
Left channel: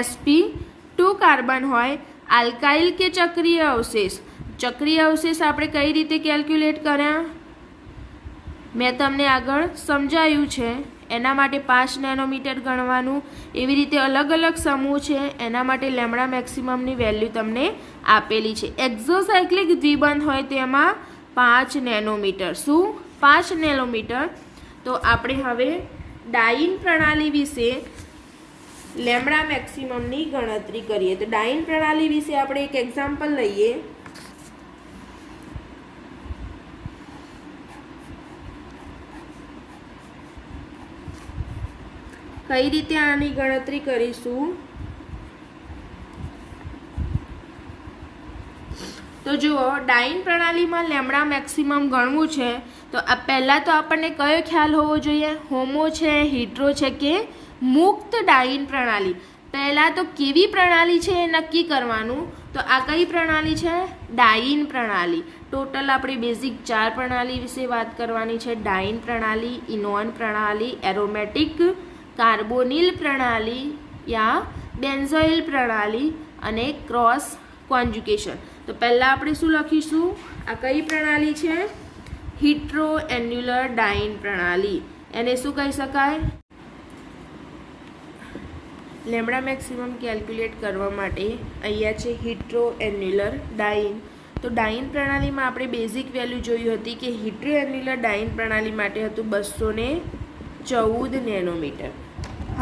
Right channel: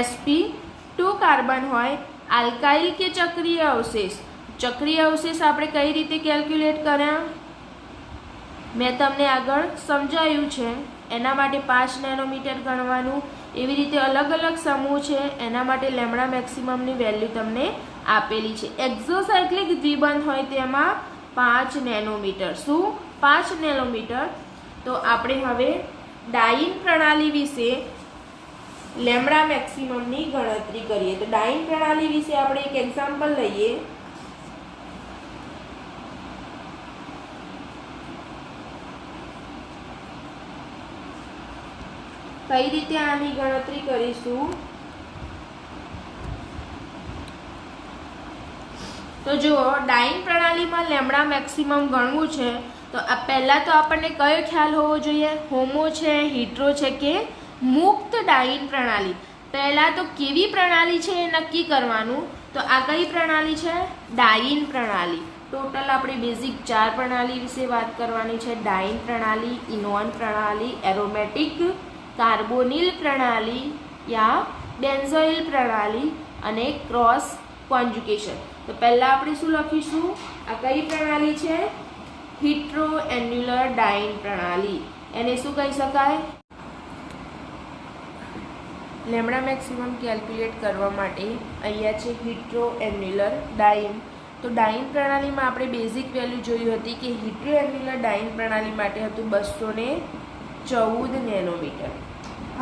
sp2 કાર્બન હોય. આલ્કાઇલ કે ચક્રીય અવશેષ? ચક્રીય અવશેષ આપણે કઈ રીતે કેલ્ક્યુલેટ કર્યા મેં તમને આગળ સમજાયું છે. એના માટે 5 નેનોમીટર ગણવાનું. એવી રીતે અલગ અલગ સમૂહ છે એના માટે લેમ્બડા મેક્સિમમની વેલ્યુ તમને આપેલી છે. એક્ઝોસાયક્લિક દ્વિબંધ હોય તેમાં 5 નેનોમીટર. શું? 5 નેનોમીટર. તો આપણે હવે ડાઇન પ્રણાલી વિશે લેમ્બડા મેક્સિમમની ગણતરી કરીએ. તો ડાઇન પ્રણાલી વિશે આપણે એક એક્ઝામ્પલ લઈએ. કઈ રીતે આની ગણતરી કરીશું? તો જુઓ, ડાઇન પ્રણાલીમાં લેમ્બડા મેક્સિમમ ગણવું છે તો આ પહેલાં તો આપણને કયો ખ્યાલ હોવો જોઈએ? હોમો છે, હિટ્રો છે કે મુક્ત ડાઇન પ્રણાલી? પહેલાં તો કેવી પ્રણાલી છે એ નક્કી કરવાનું. તો આ કઈ પ્રણાલી છે? ડાઇન પ્રણાલી. ટોટલ આપણે બેઝિક 4 પ્રણાલી વિશે વાત કરવાની છે. ડાઇન પ્રણાલી, ઇનોન પ્રણાલી, એરોમેટિક કાર્બોનિલ પ્રણાલી યા બેન્ઝોઇલ પ્રણાલી અને ક્રોસ કોન્જ્યુગેશન. તો પહેલાં આપણે શું લખીશું? આ કઈ પ્રણાલી છે? હિટ્રો એન્યુલર ડાઇન પ્રણાલી. એને શું કહી શકાય? લેમ્બડા મેક્સિમમ કેલ્ક્યુલેટ કરવા માટે અહીંયા છે હિટ્રો એન્યુલર ડાઇન. તો ડાઇન પ્રણાલીમાં આપણે બેઝિક વેલ્યુ જોઈ હતી કે હિટ્રો એન્યુલર ડાઇન પ્રણાલી માટે હતું 214 નેનોમીટર.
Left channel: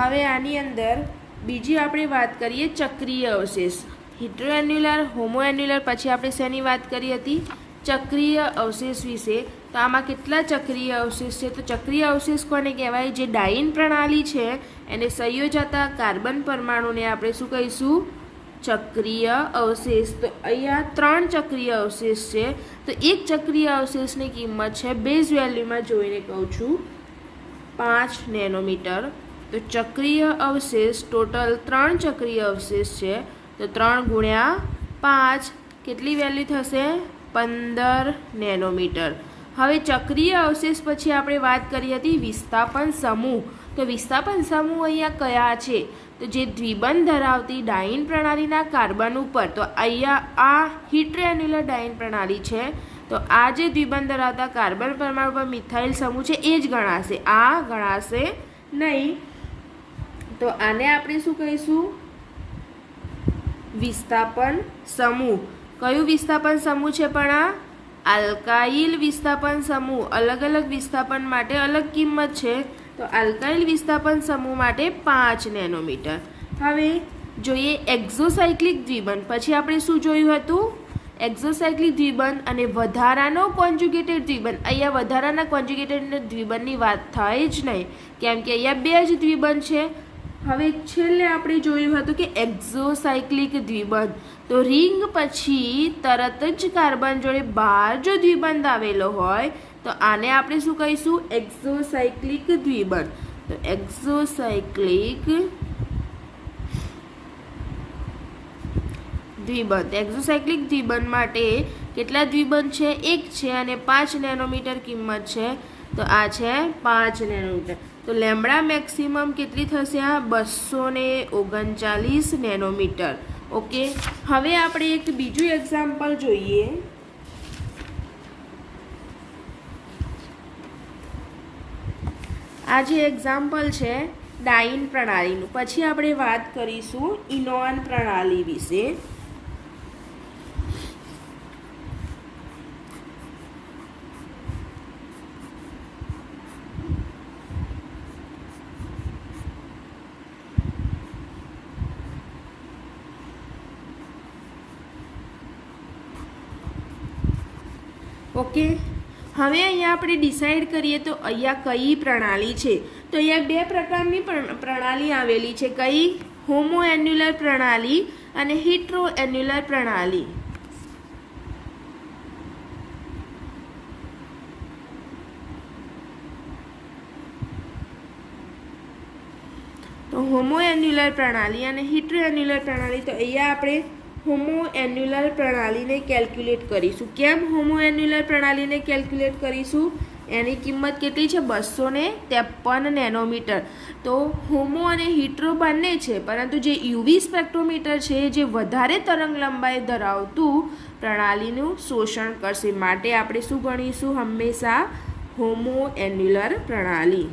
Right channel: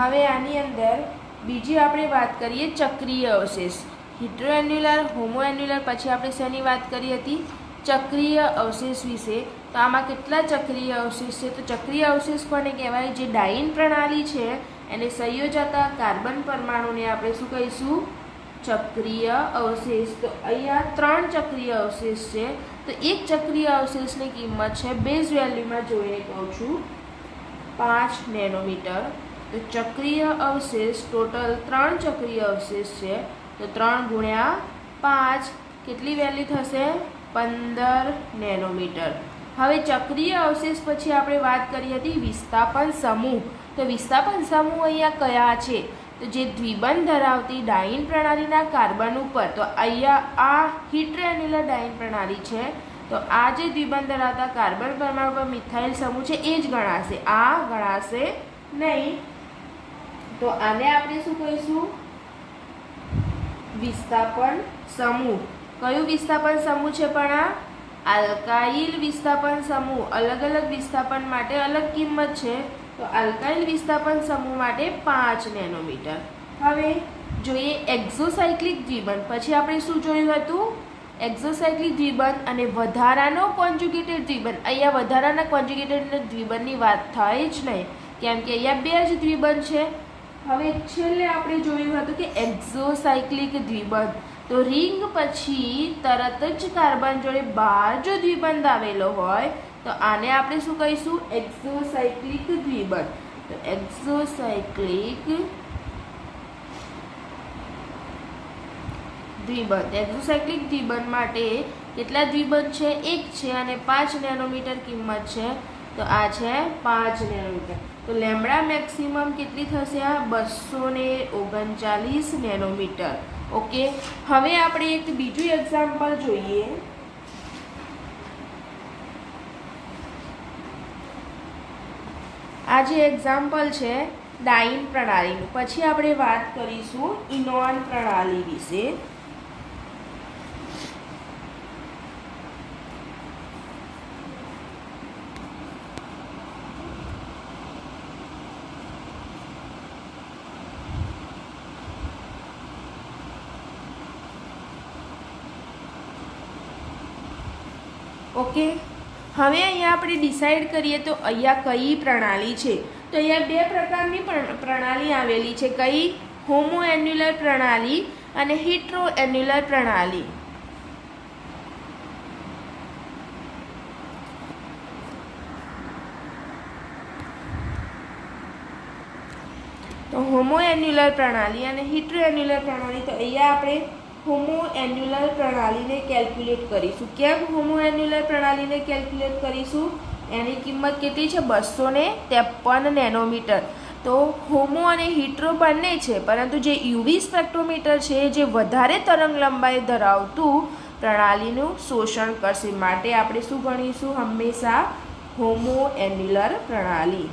હવે આની અંદર બીજી આપણે વાત કરીએ ચક્રીય અવશેષ. હિટ્રો એન્યુલર, હોમો એન્યુલર, પછી આપણે શેની વાત કરી હતી? ચક્રીય અવશેષ વિશે. તો આમાં કેટલા ચક્રીય અવશેષ છે? તો ચક્રીય અવશેષ કોને કહેવાય? જે ડાઇન પ્રણાલી છે એને સંયોજતા કાર્બન પરમાણુને આપણે શું કહીશું? ચક્રીય અવશેષ. તો અહીંયા 3 ચક્રીય અવશેષ છે. તો એક ચક્રીય અવશેષની કિંમત છે, બેઝ વેલ્યુમાં જોઈને કહું છું, 5 નેનોમીટર. તો ચક્રીય અવશેષ ટોટલ 3 ચક્રીય અવશેષ છે. તો 3 ગુણ્યા 5 કેટલી વેલ્યુ થશે? 15 નેનોમીટર. હવે ચક્રીય અવશેષ પછી આપણે વાત કરી હતી વિસ્થાપન સમૂહ. તો વિસ્થાપન સમૂહ અહીંયા કયા છે? તો જે દ્વિબંધ ધરાવતી ડાઇન પ્રણાલીના કાર્બન ઉપર, તો અહીંયા આ હિટ્રો એન્યુલર ડાઇન પ્રણાલી છે. તો આ જે દ્વિબંધ ધરાવતા કાર્બન પરમાણુ પર મિથાઇલ સમૂહ છે એ જ ગણાશે, આ ગણાશે નહીં. તો આને આપણે શું કહીશું? વિસ્થાપન સમૂહ. કયું વિસ્થાપન સમૂહ છે? પણ આ આલ્કાઇલ વિસ્થાપન સમૂહ. અલગ અલગ વિસ્થાપન માટે અલગ કિંમત છે. તો આલ્કાઇલ વિસ્થાપન સમૂહ માટે 5 નેનોમીટર. હવે જોઈએ એક્ઝોસાયક્લિક દ્વિબંધ. પછી આપણે શું જોયું હતું? એક્ઝોસાયક્લિક દ્વિબંધ અને વધારાનો કોન્જ્યુગેટેડ દ્વિબંધ. અહીંયા વધારાના કોન્જ્યુગેટેડ દ્વિબંધની વાત થાય જ નહીં, કેમ કે અહીંયા 2 જ દ્વિબંધ છે. હવે છેલ્લે આપણે જોયું હતું કે એક્ઝોસાયક્લિક દ્વિબંધ. તો રિંગ પછી તરત જ કાર્બન જોડે બહાર જો દ્વિબંધ આવેલો હોય તો આને આપણે શું કહીશું? એક્ઝોસાયક્લિક દ્વિબંધ. તો એક્ઝોસાયક્લિક દ્વિબંધ. એક્ઝોસાયક્લિક દ્વિબંધ માટે કેટલા દ્વિબંધ છે? 1 છે અને 5 નેનોમીટર કિંમત છે. તો આ છે 5 નેનોમીટર. તો લેમ્બડા મેક્સિમમ કેટલી થશે? આ 239 નેનોમીટર. ઓકે. હવે આપણે એક બીજું એક્ઝામ્પલ જોઈએ. આ જે એક્ઝામ્પલ છે ડાઇન પ્રણાલીનું. પછી આપણે વાત કરીશું ઇનોન પ્રણાલી વિશે. ઓકે. હવે અહીંયા આપણે ડિસાઈડ કરીએ તો અહીંયા કઈ પ્રણાલી છે? તો અહીંયા 2 પ્રકારની પ્રણાલી આવેલી છે. કઈ? હોમો એન્યુલર પ્રણાલી અને હિટ્રો એન્યુલર પ્રણાલી. તો હોમો એન્યુલર પ્રણાલી અને હિટ્રો એન્યુલર પ્રણાલી. તો અહીંયા આપણે હોમો એન્યુલર પ્રણાલીને કેલ્ક્યુલેટ કરીશું. કેમ હોમો એન્યુલર પ્રણાલીને કેલ્ક્યુલેટ કરીશું? એની કિંમત કેટલી છે? 253 નેનોમીટર. તો હોમો અને હિટ્રો બંને છે, પરંતુ જે યુવી સ્પેક્ટ્રોમીટર છે જે વધારે તરંગ લંબાઈ ધરાવતું પ્રણાલીનું શોષણ કરશે. માટે આપણે શું ગણીશું? હંમેશા હોમો એન્યુલર પ્રણાલી.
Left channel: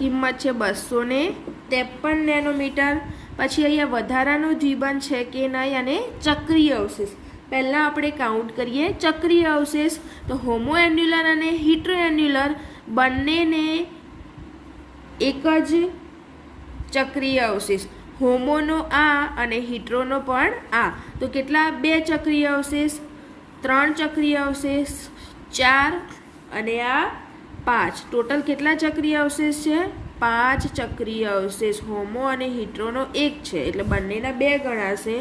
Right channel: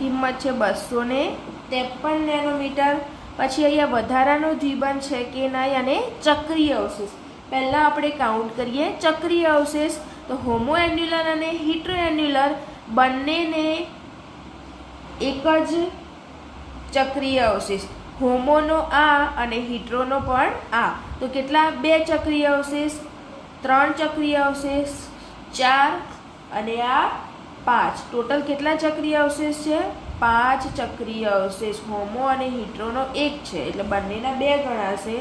કિંમત છે 253 નેનોમીટર. પછી અહીંયા વધારાનો દ્વિબંધ છે કે નહીં અને ચક્રીય અવશેષ. પહેલાં આપણે કાઉન્ટ કરીએ ચક્રીય અવશેષ. તો હોમો એન્યુલર અને હિટ્રો એન્યુલર બંનેને એક જ ચક્રીય અવશેષ. હોમોનો આ અને હિટ્રોનો પણ આ. તો કેટલા? 2 ચક્રીય અવશેષ, 3 ચક્રીય અવશેષ, 4 અને આ 5. ટોટલ કેટલા ચક્રીય અવશેષ છે? 5 ચક્રીય અવશેષ. હોમો અને હિટ્રોનો 1 છે એટલે બંનેના 2 ગણાશે.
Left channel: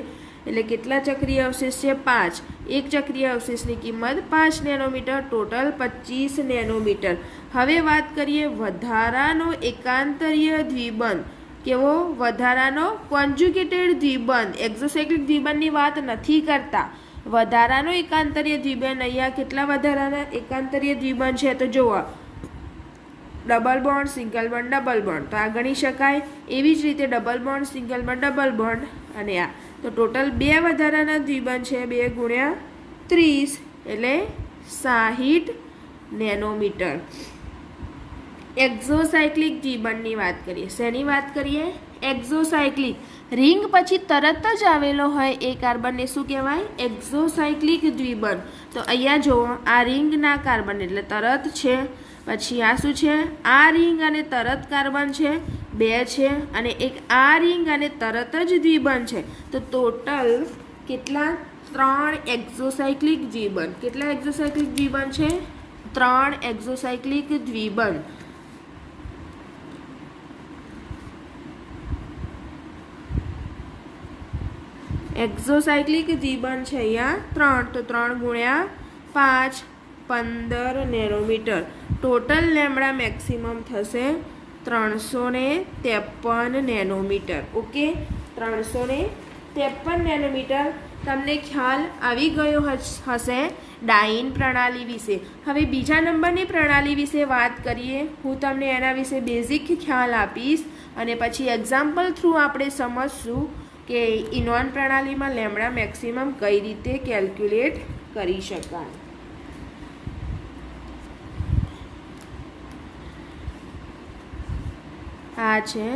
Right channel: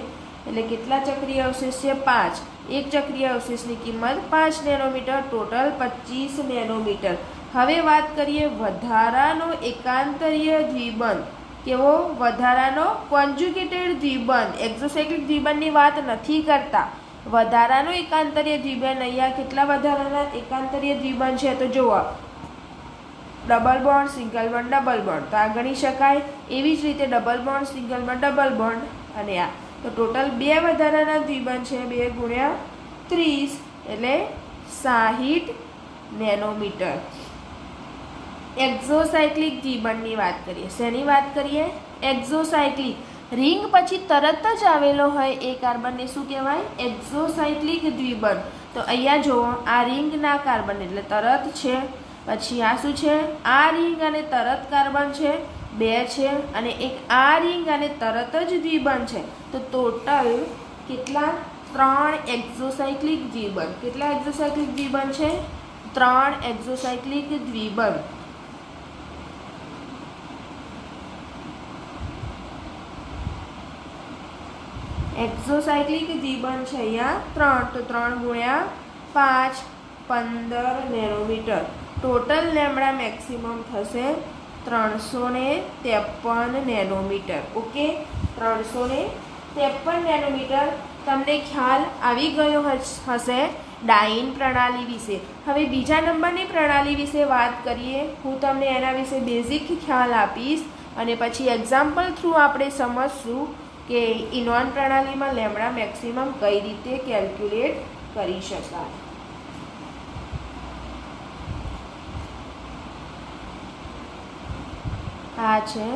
એટલે કેટલા ચક્રીય અવશેષ છે? 5. એક ચક્રીય અવશેષની કિંમત 5 નેનોમીટર, ટોટલ 25 નેનોમીટર. હવે વાત કરીએ વધારાનો એકાંતરીય દ્વિબંધ. કેવો? વધારાનો કોન્જ્યુગેટેડ દ્વિબંધ. એક્ઝોસાયક્લિક દ્વિબંધની વાત નથી કરતા. વધારાનો એકાંતરીય દ્વિબંધ. અહીંયા કેટલા વધારાના એકાંતરીય દ્વિબંધ છે? તો જુઓ, double bond, single bond, double bond. તો આ ગણી શકાય. એવી જ રીતે double bond, single bond, double bond અને આ. તો ટોટલ 2 વધારાના દ્વિબંધ છે. 2 ગુણ્યા 30 એટલે 60 નેનોમીટર. એક્ઝોસાયક્લિક દ્વિબંધની વાત કરીએ. શેની વાત કરીએ? એક્ઝોસાયક્લિક. રિંગ પછી તરત જ આવેલો હોય એ કાર્બનને શું કહેવાય? એક્ઝોસાયક્લિક દ્વિબંધ. તો અહીંયા જુઓ, આ રિંગના કાર્બન એટલે તરત છે. પછી આ શું છે? આ રિંગ અને તરત કાર્બન છે, 2 છે. અને એક આ રિંગ અને તરત જ દ્વિબંધ છે. તો ટોટલ કેટલા? 3 એક્ઝોસાયક્લિક દ્વિબંધ. કેટલા એક્ઝોસાયક્લિક દ્વિબંધ છે? 3 એક્ઝોસાયક્લિક દ્વિબંધ. એક્ઝોસાયક્લિક દ્વિબંધ છે અહીંયા 3. તો 3 ગુણ્યા 5 15 નેનોમીટર. ટોટલ લેમ્બડા મેક્સિમમ થશે 353 નેનોમીટર. Okay, 353 nanometre. તમને ખ્યાલ આવી ગયો હશે ડાઇન પ્રણાલી વિશે. હવે બીજા નંબરની પ્રણાલી વિશે વાત કરીએ. હું તમને એના વિશે બેઝિક ખ્યાલ આપીશ અને પછી એક્ઝામ્પલ થ્રુ આપણે સમજશું કે ઇનોન પ્રણાલીમાં લેમ્બડા મેક્સિમમ કઈ રીતે કેલ્ક્યુલેટ કરી શકાય. આ છે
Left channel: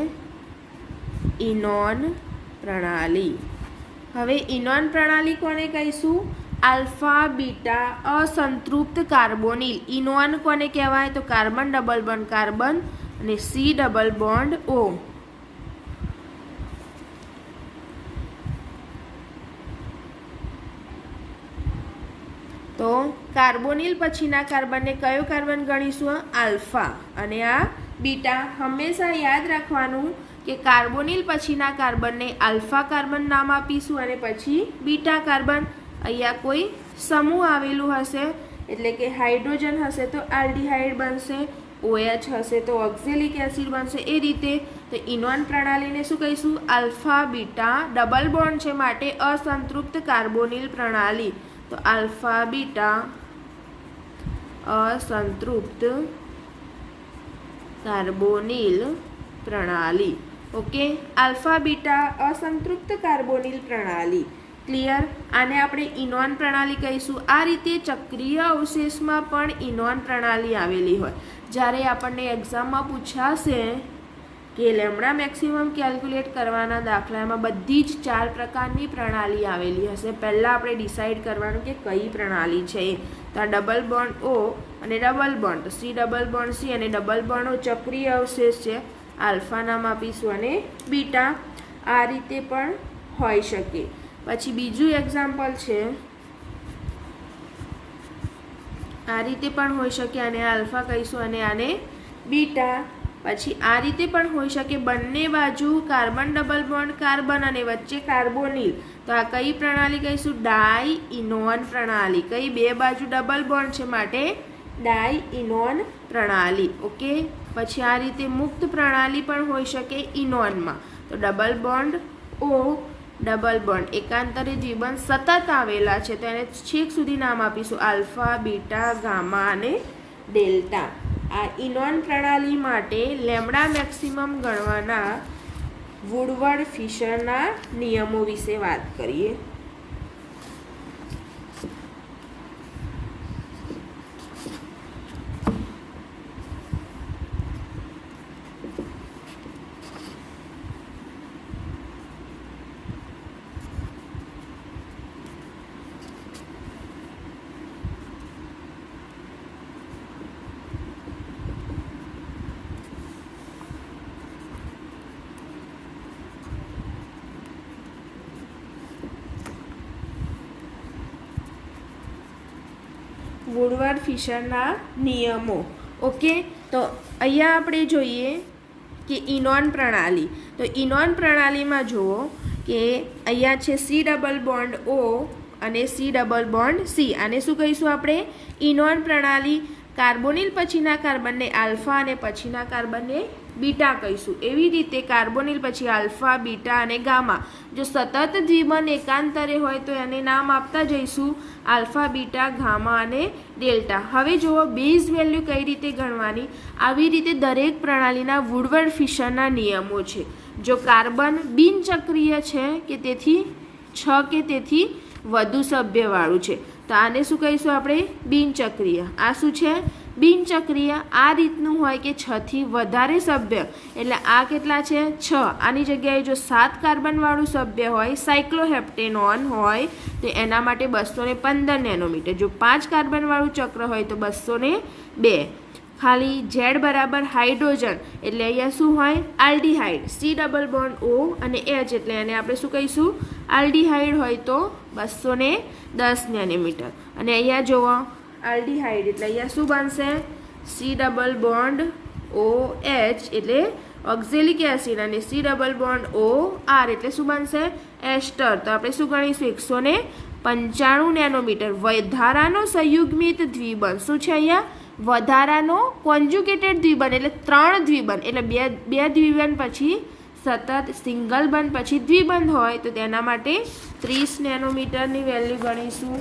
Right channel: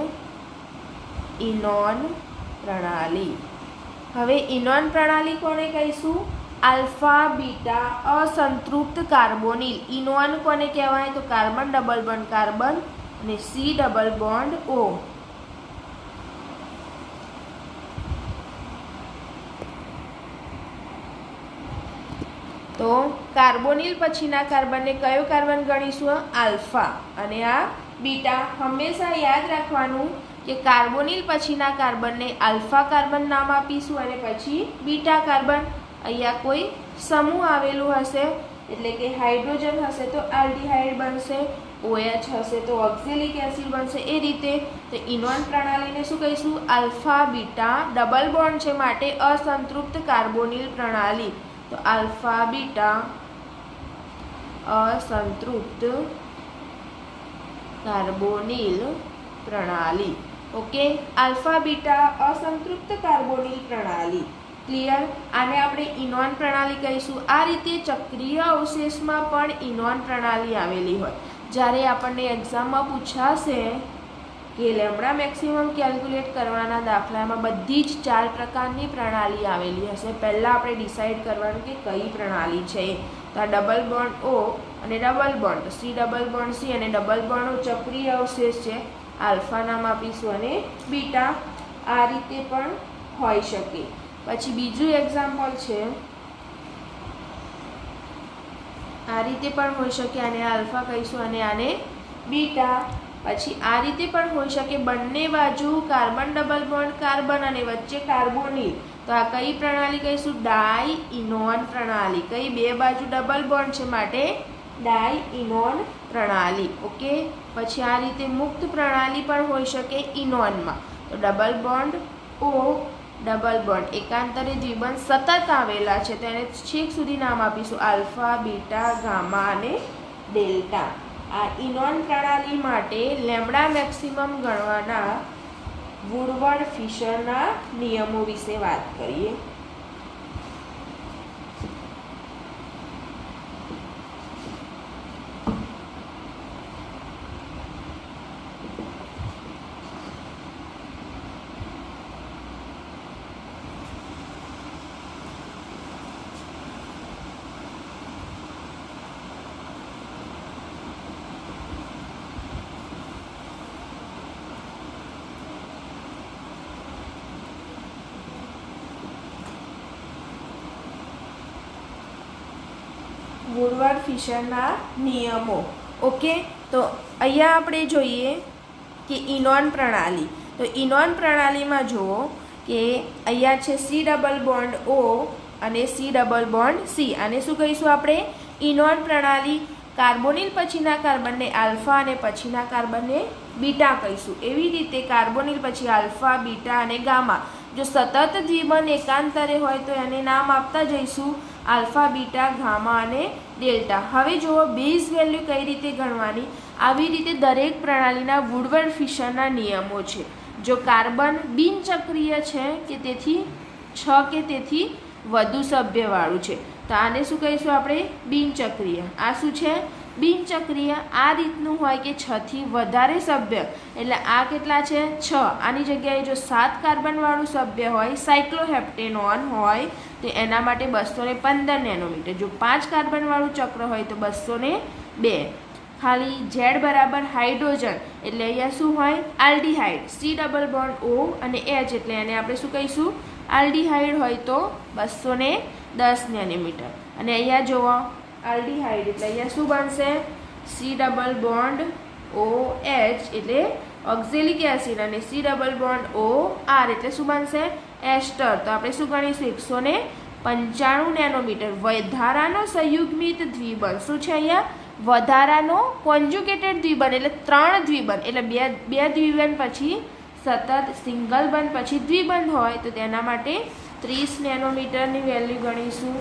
ઇનોન પ્રણાલી. હવે ઇનોન પ્રણાલી કોને કહીશું? આલ્ફા બીટા અસંતૃપ્ત કાર્બોનિલ. ઇનોન કોને કહેવાય? તો કાર્બન ડબલ બોન્ડ કાર્બન અને સી ડબલ બોન્ડ ઓ. તો કાર્બોનિલ પછીના કાર્બનને કયો કાર્બન ગણીશું? આલ્ફા. અને આ બીટા. હંમેશા યાદ રાખવાનું કે કાર્બોનિલ પછીના કાર્બનને આલ્ફા કાર્બન નામ આપીશું અને પછી બીટા કાર્બન. અહીંયા કોઈ સમૂહ આવેલું હશે એટલે કે હાઇડ્રોજન હશે તો આલ્ડીહાઇડ બનશે, OH હશે તો ઓક્ઝેલિક એસિડ બનશે. એ રીતે તો ઇનોન પ્રણાલીને શું કહીશું? Alpha beta. ડબલ બોન્ડ છે માટે અસંતૃપ્ત કાર્બોનિલ પ્રણાલી. તો આલ્ફા બીટા અસંતૃપ્ત કાર્બોનિલ પ્રણાલી. ઓકે, આલ્ફા બીટા અસંતૃપ્ત કાર્બોનિલ પ્રણાલી. ક્લિયર? આને આપણે ઇનોન પ્રણાલી કહીશું. આ રીતે ચક્રીય અવશેષમાં પણ ઇનોન પ્રણાલી આવેલી હોય. જ્યારે આપણને એક્ઝામમાં પૂછાશે કે લેમ્બડા મેક્સિમમ કેલ્ક્યુલેટ કરવાના દાખલામાં બધી જ 4 પ્રકારની પ્રણાલી આવેલી હશે. પહેલાં આપણે ડિસાઇડ કરવાનું કે કઈ પ્રણાલી છે. તો આ ડબલ બોન્ડ O અને double bond C, double bond C અને ડબલ બોન્ડ O ચક્રીય અવશેષ છે. આલ્ફા નામ આપીશું અને બીટા. આ રીતે પણ હોઈ શકે. પછી બીજું એક્ઝામ્પલ છે, આ રીતે પણ હોઈ શકે. આને આલ્ફા કહીશું અને આને બીટા. પછી આ રીતે પણ હોઈ શકે, બંને બાજુ કાર્બન ડબલ બોન્ડ કાર્બન અને વચ્ચે કાર્બોનિલ. તો આ કઈ પ્રણાલી કહીશું? ડાઈ ઇનોન પ્રણાલી. કઈ? 2 બાજુ ડબલ બોન્ડ છે માટે ડાઈ ઇનોન પ્રણાલી. ઓકે, પછી આ રીતે મુક્ત પ્રણાલી પણ હોઈ શકે ઇનોનમાં. તો double bond O, double bond એકાંતરે દ્વિબંધ સતત આવેલા છે તો એને છેક સુધી નામ આપીશું આલ્ફા, બીટા, ગામા અને ડેલ્ટા. આ ઇનોન પ્રણાલી માટે લેમ્બડા મેક્સિમમ ગણવાના વુડવર્ડ ફિશરના નિયમો વિશે વાત કરીએ. વુડવર્ડ ફિશરના નિયમો. ઓકે, તો અહીંયા આપણે જોઈએ કે ઇનોન પ્રણાલી. તો ઇનોન પ્રણાલીમાં જુઓ કે અહીંયા છે C++O અને C++C. આને શું કહીશું આપણે? ઇનોન પ્રણાલી. કાર્બોનિલ પછીના કાર્બનને આલ્ફા અને પછીના કાર્બનને બીટા કહીશું. એવી રીતે કાર્બોનિલ પછી આલ્ફા, બીટા અને ગામા. જો સતત દ્વિબંધ એકાંતરે હોય તો એને નામ આપતા જઈશું આલ્ફા, બીટા, ગામા અને ડેલ્ટા. હવે જુઓ બેઝ વેલ્યુ કઈ રીતે ગણવાની. આવી રીતે દરેક પ્રણાલીના વુડવર્ડ ફિશરના નિયમો છે. જો કાર્બન બિનચક્રીય છે કે તેથી 6 કે તેથી વધુ સભ્યવાળું છે તો આને શું કહીશું આપણે? બિનચક્રીય. આ શું છે? બિનચક્રીય. આ રીતનું હોય કે 6 થી વધારે સભ્ય, એટલે આ કેટલા છે? 6. આની જગ્યાએ જો 7 કાર્બનવાળું સભ્ય હોય, સાયક્લોહેપ્ટેનોન હોય, તો એના માટે 215 નેનોમીટર. જો 5 કાર્બનવાળું ચક્ર હોય તો 202. ખાલી Z બરાબર હાઇડ્રોજન, એટલે અહીંયા શું હોય? આલ્ડીહાઇડ. C++O અને H, એટલે એને આપણે શું કહીશું? આલ્ડીહાઇડ હોય તો 210 નેનોમીટર. અને અહીંયા જુઓ આલ્ડીહાઇડ, એટલે અહીંયા શું બનશે? C++OH એટલે ઓક્ઝેલિક એસિડ, અને C++OR એટલે શું બનશે? એસ્ટર. તો આપણે શું ગણીશું? 195 નેનોમીટર. વધારાનો સંયુગ્મિત દ્વિબંધ શું છે અહીંયા? વધારાનો કોન્જુગેટેડ દ્વિબંધ એટલે 3 દ્વિબંધ, એટલે બે દ્વિબંધ પછી સતત સિંગલ બંધ પછી દ્વિબંધ હોય તો તેના માટે 30 નેનોમીટરની વેલ્યુ ગણીશું.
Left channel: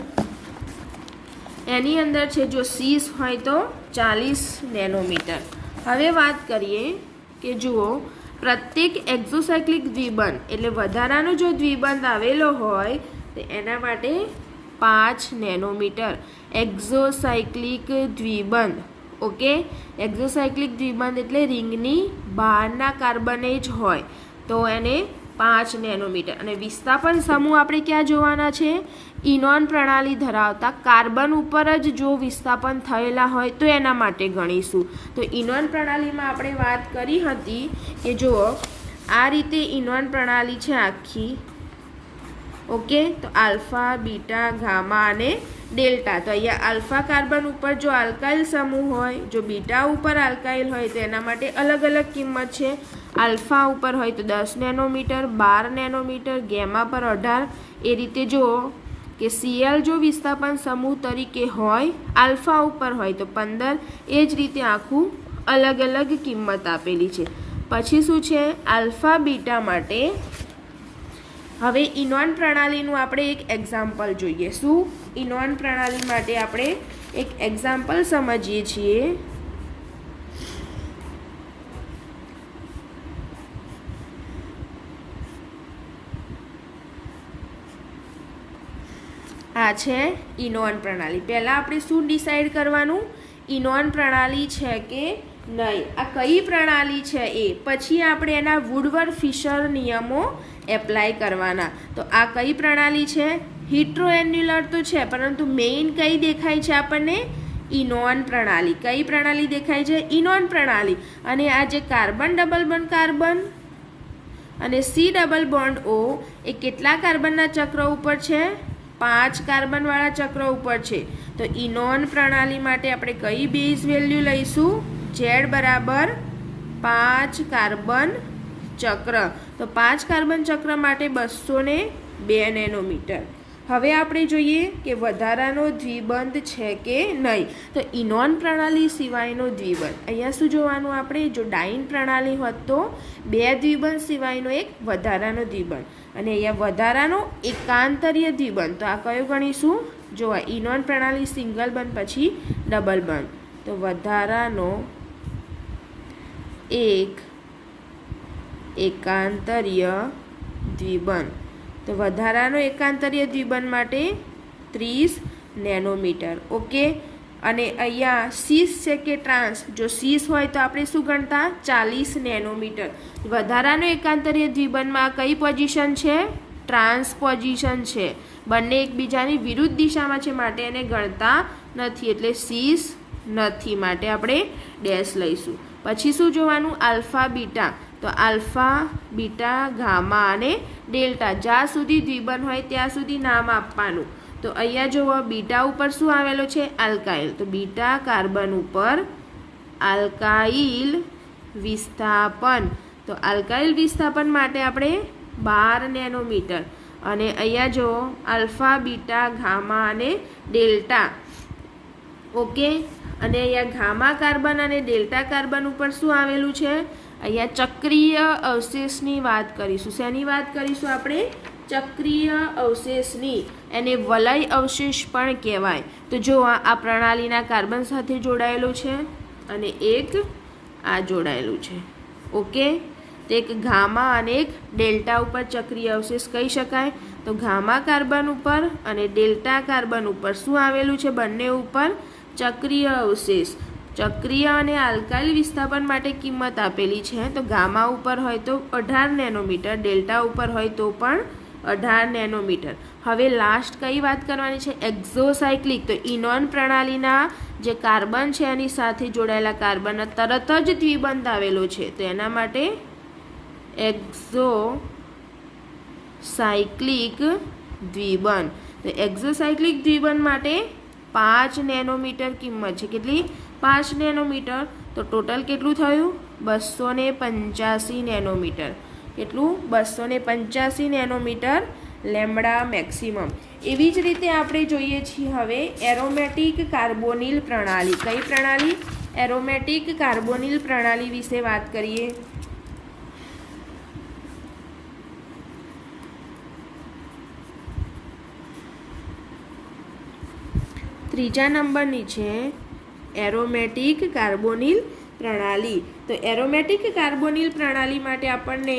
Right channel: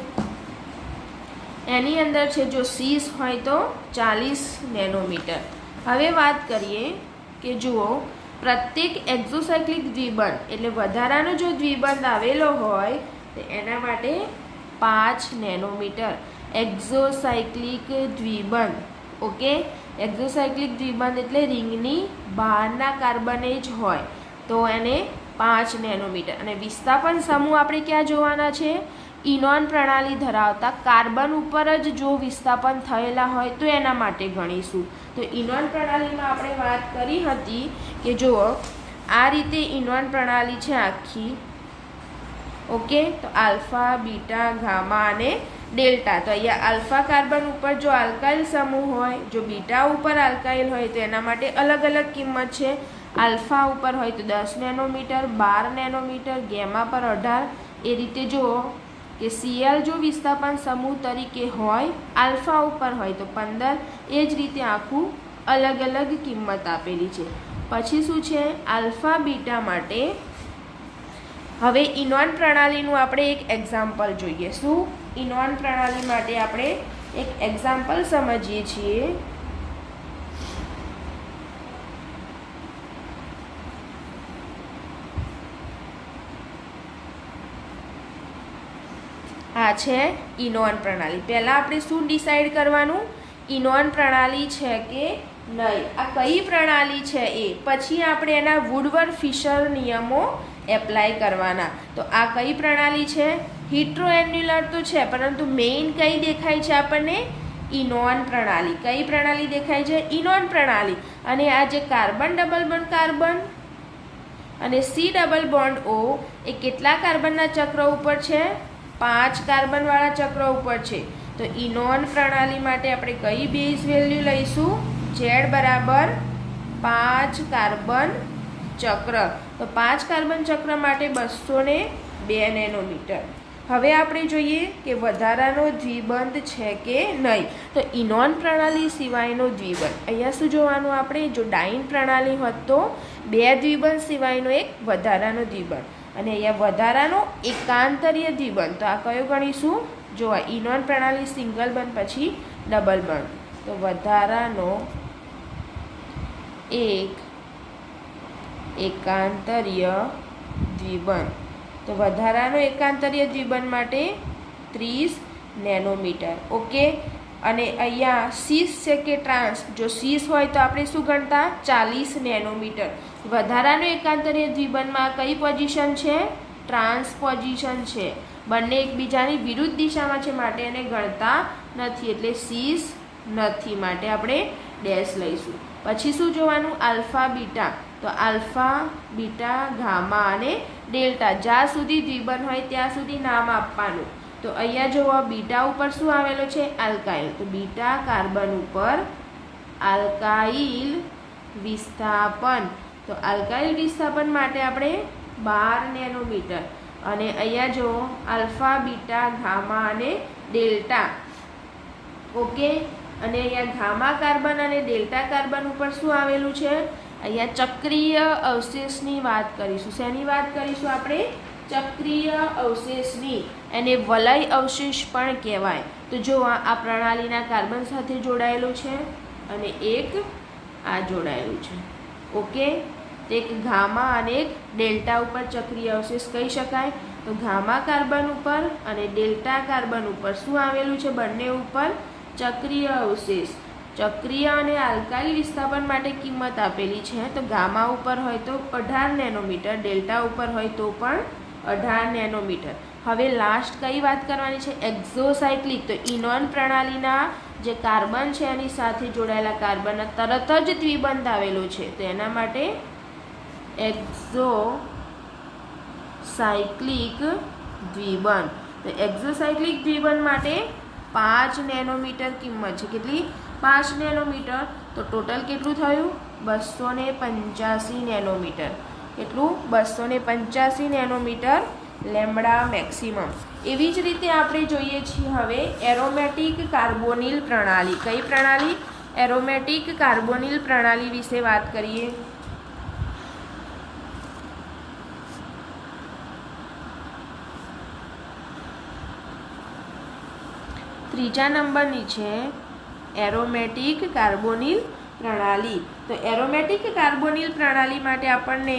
એની અંદર છે જો 6 હોય તો 40 નેનોમીટર. હવે વાત કરીએ કે જુઓ પ્રત્યેક એક્ઝોસાયક્લિક દ્વિબંધ એટલે વધારાનો જો દ્વિબંધ આવેલો હોય તો એના માટે 5 નેનોમીટર. એક્ઝોસાયક્લિક દ્વિબંધ. ઓકે, એક્ઝોસાયક્લિક દ્વિબંધ એટલે રિંગની બહારના કાર્બને જ હોય તો એને 5 નેનોમીટર. અને વિસ્થાપન સમૂહ આપણે ક્યાં જોવાના છે? ઇનોન પ્રણાલી ધરાવતા કાર્બન ઉપર જ જો વિસ્થાપન થયેલા હોય તો એના માટે ગણીશું. તો ઇનોન પ્રણાલીમાં આપણે વાત કરી હતી કે જુઓ આ રીતે ઇનોન પ્રણાલી છે આખી. ઓકે, તો આલ્ફા, બીટા, ગામા અને ડેલ્ટા. તો અહીંયા આલ્ફા કાર્બન ઉપર જો આલ્કાઇલ સમૂહ હોય, જો બીટા ઉપર આલ્કાઇલ હોય તો એના માટે અલગ અલગ કિંમત છે. આલ્ફા ઉપર હોય તો 10 નેનોમીટર, 12 નેનોમીટર, ગેમા પર 18. એ રીતે જુઓ કે Cl જો વિસ્થાપન સમૂહ તરીકે હોય, આલ્ફા ઉપર હોય તો 15. એ જ રીતે આખું અલગ અલગ કિંમત આપેલી છે. પછી શું છે? આલ્ફા, બીટા માટે હવે ઇનોન પ્રણાલીનું આપણે એક એક્ઝામ્પલ જોઈએ. શું? ઇનોન પ્રણાલી માટે આપણે એક એક્ઝામ્પલ સમજીએ છીએ. આ છે ઇનોન પ્રણાલી. પહેલાં આપણે શું ડિસાઈડ કરવાનું? ઇનોન પ્રણાલી છે કે નહીં. આ કઈ પ્રણાલી છે એ પછી આપણે એના વુડવર્ડ ફિશર નિયમો એપ્લાય કરવાના. તો આ કઈ પ્રણાલી છે? હિટ્રોએન્યુલર તો છે, પરંતુ મેઇન કઈ દેખાય છે આપણને? ઇનોન પ્રણાલી. કઈ પ્રણાલી દેખાય છે? ઇનોન પ્રણાલી. અને આ જે કાર્બન ડબલ બોન્ડ કાર્બન અને C++O એ કેટલા કાર્બનના ચક્ર ઉપર છે? 5 કાર્બનવાળા ચક્ર ઉપર છે. તો ઇનોન પ્રણાલી માટે આપણે કઈ બેઝ વેલ્યુ લઈશું? Z બરાબર 5 કાર્બન ચક્ર. તો 5 કાર્બન ચક્ર માટે 202 નેનોમીટર. હવે આપણે જોઈએ કે વધારાનો દ્વિબંધ છે કે નહીં. તો ઇનોન પ્રણાલી સિવાયનો દ્વિબંધ, અહીંયા શું જોવાનું આપણે? જો ડાઇન પ્રણાલી હોત તો 2 દ્વિબંધ સિવાયનો એક વધારાનો દ્વિબંધ, અને અહીંયા વધારાનો એકાંતરીય દ્વિબંધ. તો આ કયો ગણીશું? જો આ ઇનોન પ્રણાલી સિંગલ બંધ પછી ડબલ બંધ. તો વધારાનો એક એકાંતરીય દ્વિબંધ. તો વધારાનો એકાંતરીય દ્વિબંધ માટે 30 નેનોમીટર. ઓકે, અને અહીંયા સીસ છે કે ટ્રાન્સ? જો સીસ હોય તો આપણે શું ગણતા? 40 નેનોમીટર. વધારાનો એકાંતરીય દ્વિબંધમાં કઈ પોઝિશન છે? ટ્રાન્સ પોઝિશન છે. બંને એકબીજાની વિરુદ્ધ દિશામાં છે માટે એને ગણતા નથી, એટલે સીસ નથી, માટે આપણે ડેશ લઈશું. પછી શું જોવાનું? Alpha, beta. તો આલ્ફા, બીટા, ગામા અને ડેલ્ટા. જ્યાં સુધી દ્વિબંધ હોય ત્યાં સુધી નામ આપવાનું. તો અહીંયા જુઓ બીટા ઉપર શું આવેલો છે? આલ્કાઇલ. તો બીટા કાર્બન ઉપર આલ્કાઇલ વિસ્થાપન. તો આલ્કાઇલ વિસ્થાપન માટે આપણે 12 નેનોમીટર અને અહીંયા જો આલ્ફા, બીટા, ગામા અને ડેલ્ટા. ઓકે, અને અહીંયા ગામા કાર્બન અને ડેલ્ટા કાર્બન ઉપર શું આવેલું છે? અહીંયા ચક્રીય અવશેષની વાત કરીશું. શેની વાત કરીશું આપણે? ચક્રીય અવશેષની. એને વલય અવશેષ પણ કહેવાય. તો જો આ પ્રણાલીના કાર્બન સાથે જોડાયેલું છે અને એક આ જોડાયેલું છે. ઓકે, તો એક ગામા અને એક ડેલ્ટા ઉપર ચક્રીય અવશેષ કહી શકાય. તો ગામા કાર્બન ઉપર અને ડેલ્ટા કાર્બન ઉપર શું આવેલું છે? બંને ઉપર ચક્રીય અવશેષ. ચક્રીય અને આલ્કાઇલ વિસ્થાપન માટે કિંમત આપેલી છે. તો ગામા ઉપર હોય તો 18 નેનોમીટર, ડેલ્ટા ઉપર હોય તો પણ 18 નેનોમીટર. હવે લાસ્ટ કઈ વાત કરવાની છે? એક્ઝોસાયક્લિક. તો ઇનોન પ્રણાલીના જે કાર્બન છે એની સાથે જોડાયેલા કાર્બનના તરત જ દ્વિબંધ આવેલો છે. તો એના માટે એક્ઝોસાયક્લિક દ્વિબંધ. તો એક્ઝોસાયક્લિક દ્વિબંધ માટે 5 નેનોમીટર કિંમત છે. કેટલી? 5 નેનોમીટર. તો ટોટલ કેટલું થયું? 285 નેનોમીટર. કેટલું? 285 નેનોમીટર લેમ્બડા મેક્સિમમ. એવી જ રીતે આપણે જોઈએ છીએ હવે એરોમેટિક કાર્બોનિલ પ્રણાલી. કઈ પ્રણાલી? એરોમેટિક કાર્બોનિલ પ્રણાલી વિશે વાત કરીએ. ત્રીજા નંબરની છે એરોમેટિક કાર્બોનિલ પ્રણાલી. તો એરોમેટિક કાર્બોનિલ પ્રણાલી માટે આપણને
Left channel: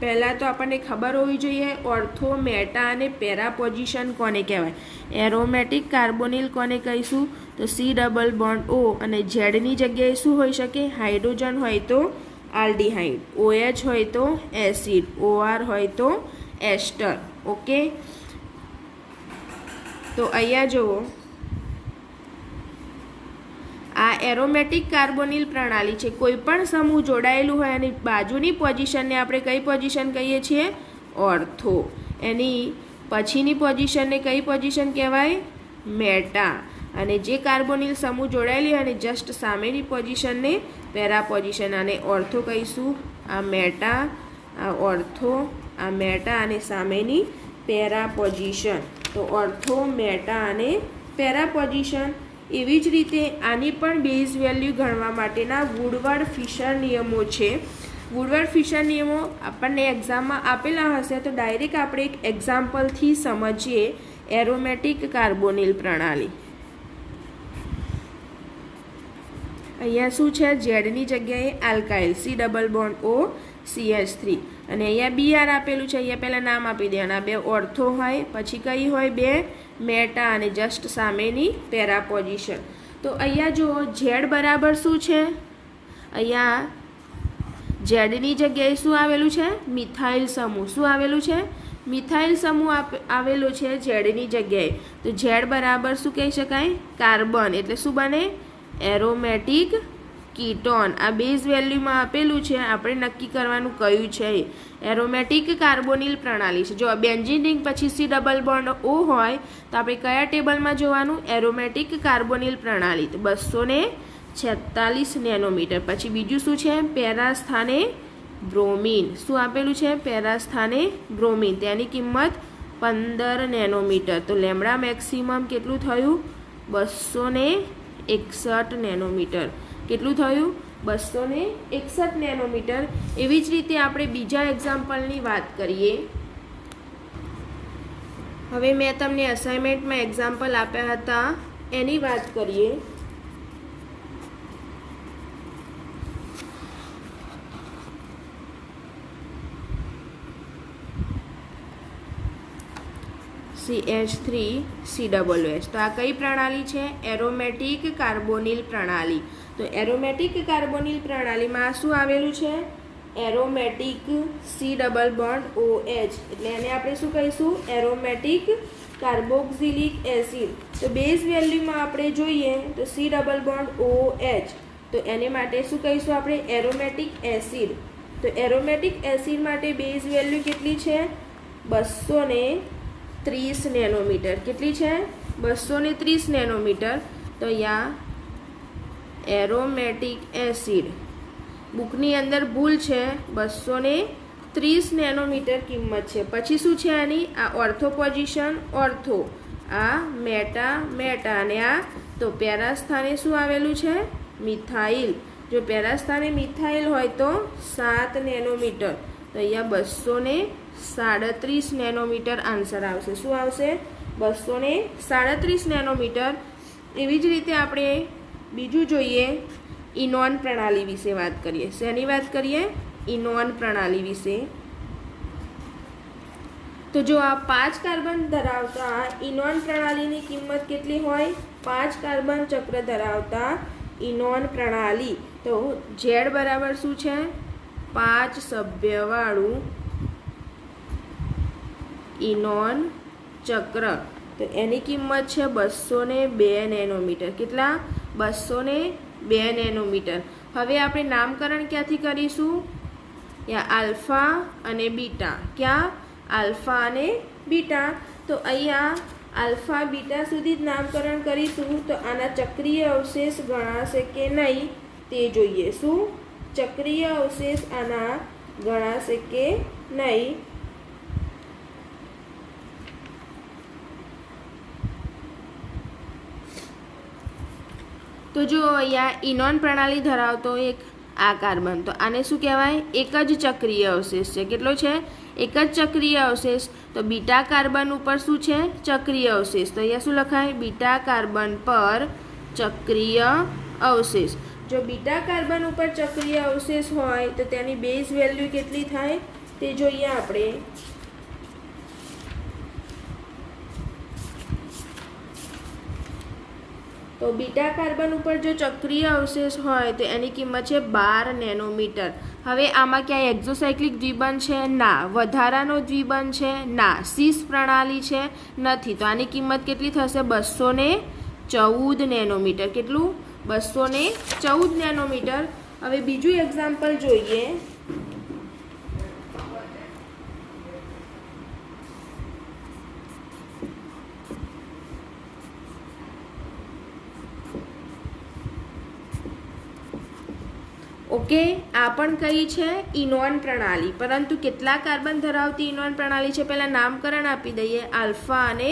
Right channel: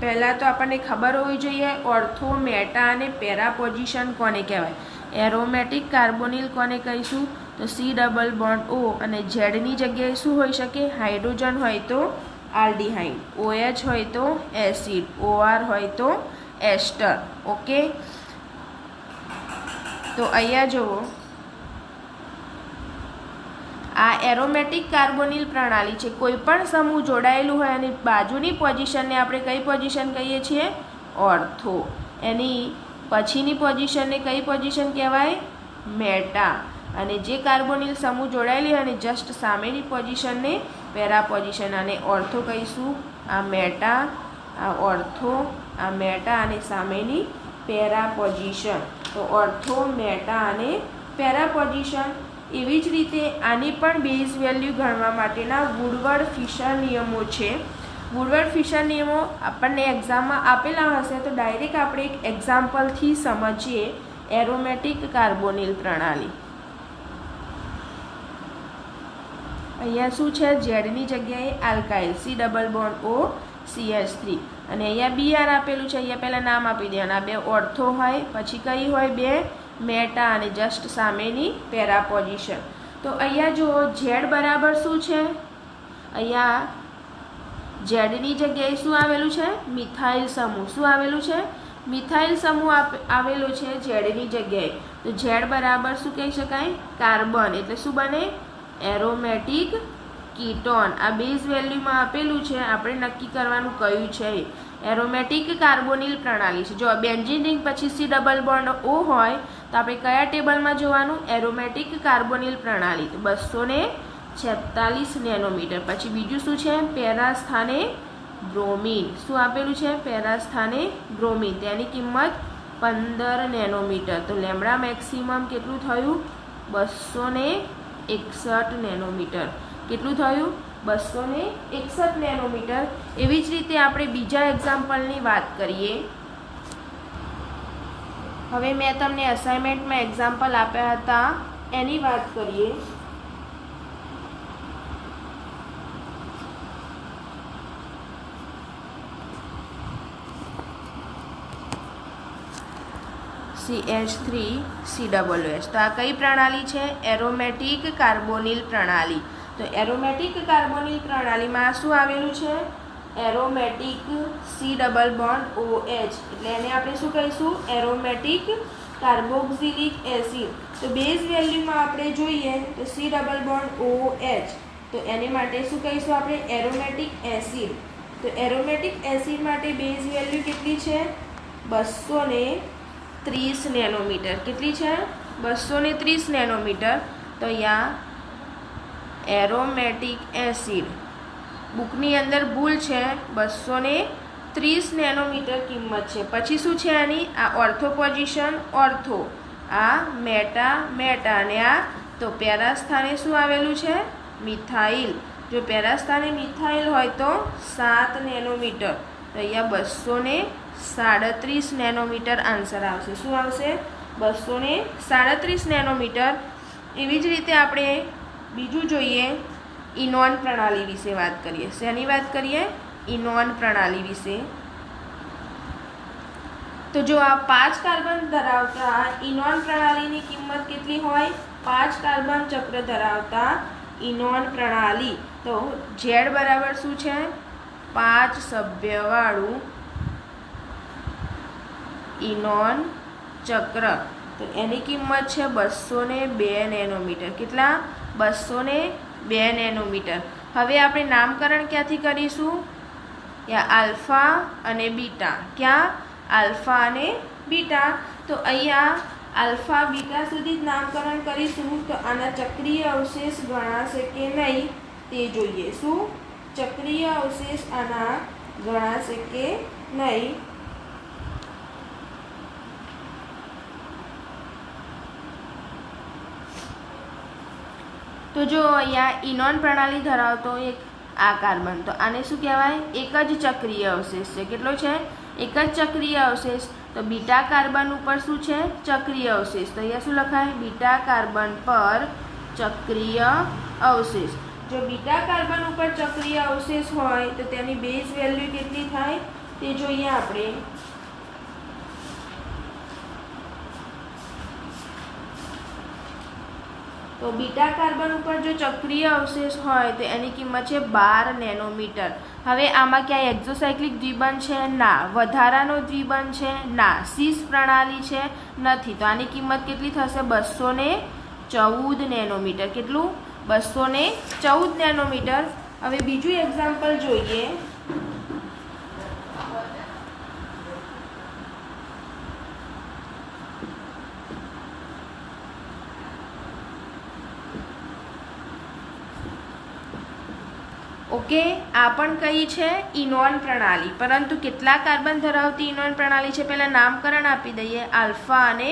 પહેલાં તો આપણને ખબર હોવી જોઈએ ઓર્થો, મેટા અને પેરા પોઝિશન કોને કહેવાય. એરોમેટિક કાર્બોનિલ કોને કહીશું? તો સી ડબલ બોન્ડ ઓ અને ઝેડની જગ્યાએ શું હોઈ શકે? હાઇડ્રોજન હોય તો આલ્ડીહાઇડ, OH હોય તો એસિડ, OR હોય તો એસ્ટર. ઓકે, તો અહીંયા જુઓ આ એરોમેટિક કાર્બોનિલ પ્રણાલી છે. કોઈ પણ સમૂહ જોડાયેલું હોય અને બાજુની પોઝિશનને આપણે કઈ પોઝિશન કહીએ છીએ? ઓર્થો. એની પછીની પોઝિશનને કઈ પોઝિશન કહેવાય? મેટા. અને જે કાર્બોનિલ સમૂહ જોડાયેલી અને જસ્ટ સામેની પોઝિશનને પેરા પોઝિશન. અને ઓર્થો કહીશું. આ મેટા, આ ઓર્થો, આ મેટા અને સામેની પેરા પોઝિશન. તો ઓર્થો, મેટા અને પેરા પોઝિશન. એવી જ રીતે આની પણ બેઝ વેલ્યુ ગણવા માટેના વુડવર્ડ-ફિશર નિયમો છે. વુડવર્ડ-ફિશર નિયમો આપણને એક્ઝામમાં આપેલા હશે તો ડાયરેક્ટ આપણે એક એક્ઝામ્પલથી સમજીએ એરોમેટિક કાર્બોનિલ પ્રણાલી. અહીંયા શું છે? ઝેડની જગ્યાએ alkyl, C double bond O CH3 અને અહીંયા BR આપેલું છે. અહીંયા પહેલાં નામ આપી દેવાના. 2 ઓર્થો હોય, પછી કઈ હોય? 2 મેટા અને જસ્ટ સામેની પેરા પોઝિશન. તો અહીંયા જુઓ ઝેડ બરાબર શું છે? અહીંયા ઝેડની જગ્યાએ શું આવેલું છે? મિથાઇલ સમૂહ. શું આવેલું છે? મિથાઇલ સમૂહ આવેલો છે ઝેડની જગ્યાએ. તો ઝેડ બરાબર શું કહી શકાય? કાર્બન. એટલે શું બને? Aromatic ketone. આ બેઝ વેલ્યુમાં આપેલું છે, આપણે નક્કી કરવાનું કયું છે. એરોમેટિક કાર્બોનિલ પ્રણાલી છે. જો બેન્ઝીન રિંગ પછી સી ડબલ બોન્ડ ઓ હોય તો આપણે કયા ટેબલમાં જોવાનું? એરોમેટિક કાર્બોનિલ પ્રણાલી. તો 246 નેનોમીટર. પછી બીજું શું છે? પેરા સ્થાને બ્રોમિન. શું આપેલું છે? પેરા સ્થાને બ્રોમિન. તેની કિંમત 15 નેનોમીટર. તો લેમ્બડા મેક્સિમમ કેટલું થયું? 261 નેનોમીટર. કેટલું થયું? 261 નેનોમીટર. એવી જ રીતે આપણે બીજા એક્ઝામ્પલની વાત કરીએ. હવે મેં તમને અસાઇનમેન્ટમાં એક્ઝામ્પલ આપ્યા હતા એની વાત કરીએ. CH3COOH. તો આ કઈ પ્રણાલી છે? એરોમેટિક કાર્બોનિલ પ્રણાલી. તો એરોમેટિક કાર્બોનિલ પ્રણાલીમાં શું આવેલું છે? Aromatic C double bond OH. એટલે એને આપણે શું કહીશું? Aromatic carboxylic acid. તો બેઝ વેલ્યુમાં આપણે જોઈએ તો સી ડબલ બોન્ડ OH. તો એને માટે શું કહીશું આપણે? Aromatic acid. તો એરોમેટિક એસિડ માટે બેઝ વેલ્યુ કેટલી છે? 245. 30 નેનોમીટર. કેટલી છે? 230 નેનોમીટર. તો અહીંયા એરોમેટિક એસિડ બુકની અંદર ભૂલ છે, 230 નેનોમીટર કિંમત છે. પછી શું છે આની? આ ઓર્થો પોઝિશન ઓર્થો, આ મેટા મેટા, અને આ તો પેરા સ્થાને શું આવેલું છે? મિથાઇલ. જો પેરા સ્થાને મિથાઇલ હોય તો 7 નેનોમીટર. તો અહીંયા 237 નેનોમીટર આન્સર આવશે. શું આવશે? 237 નેનોમીટર. એવી જ રીતે આપણે બીજું જોઈએ, ઇનોન પ્રણાલી વિશે વાત કરીએ. શેની વાત કરીએ? ઇનોન પ્રણાલી વિશે. તો જો આ 5 કાર્બન ધરાવતા ઇનોન પ્રણાલીની કિંમત કેટલી હોય? 5 કાર્બન ચક્ર ધરાવતા ઇનોન પ્રણાલી. તો ઝેડ બરાબર શું છે? 5 સભ્યવાળું ઇનોન ચક્ર. તો એની કિંમત છે 202 નેનોમીટર. કેટલા? 202 નેનોમીટર. હવે આપણે નામકરણ ક્યાંથી કરીશું? યા આલ્ફા અને બીટા. ક્યાં? આલ્ફા અને બીટા. તો અહીંયા આલ્ફા બીટા સુધી જ નામકરણ કરીશું. તો આના ચક્રીય અવશેષ ગણાશે કે નહીં તે જોઈએ. શું? ચક્રીય અવશેષ આના ગણાશે કે નહીં. તો જો અહીંયા ઇનોન પ્રણાલી ધરાવતો એક આ કાર્બન, તો આને શું કહેવાય? એક જ ચક્રીય અવશેષ છે. કેટલો છે? એક જ ચક્રીય અવશેષ. તો બીટા કાર્બન ઉપર શું છે? ચક્રીય અવશેષ. તો અહીંયા શું લખાય? બીટા કાર્બન પર ચક્રીય અવશેષ. જો બીટા કાર્બન ઉપર ચક્રીય અવશેષ હોય તો તેની બેઝ વેલ્યુ કેટલી થાય તે જોઈએ આપણે. તો બીટા કાર્બન ઉપર જો ચક્રીય અવશેષ હોય તો એની કિંમત છે 12 નેનોમીટર. હવે આમાં ક્યાંય એક્ઝોસાયક્લિક દ્વિબંધ છે? ના. વધારાનો દ્વિબંધ છે? ના. સીસ પ્રણાલી છે? નથી. તો આની કિંમત કેટલી થશે? 214 નેનોમીટર. કેટલું? 214 નેનોમીટર. હવે બીજું એક્ઝામ્પલ જોઈએ. ઓકે, આ પણ કઈ છે? ઇનોન પ્રણાલી. પરંતુ કેટલા કાર્બન ધરાવતી ઇનોન પ્રણાલી છે? પહેલાં નામકરણ આપી દઈએ. આલ્ફા અને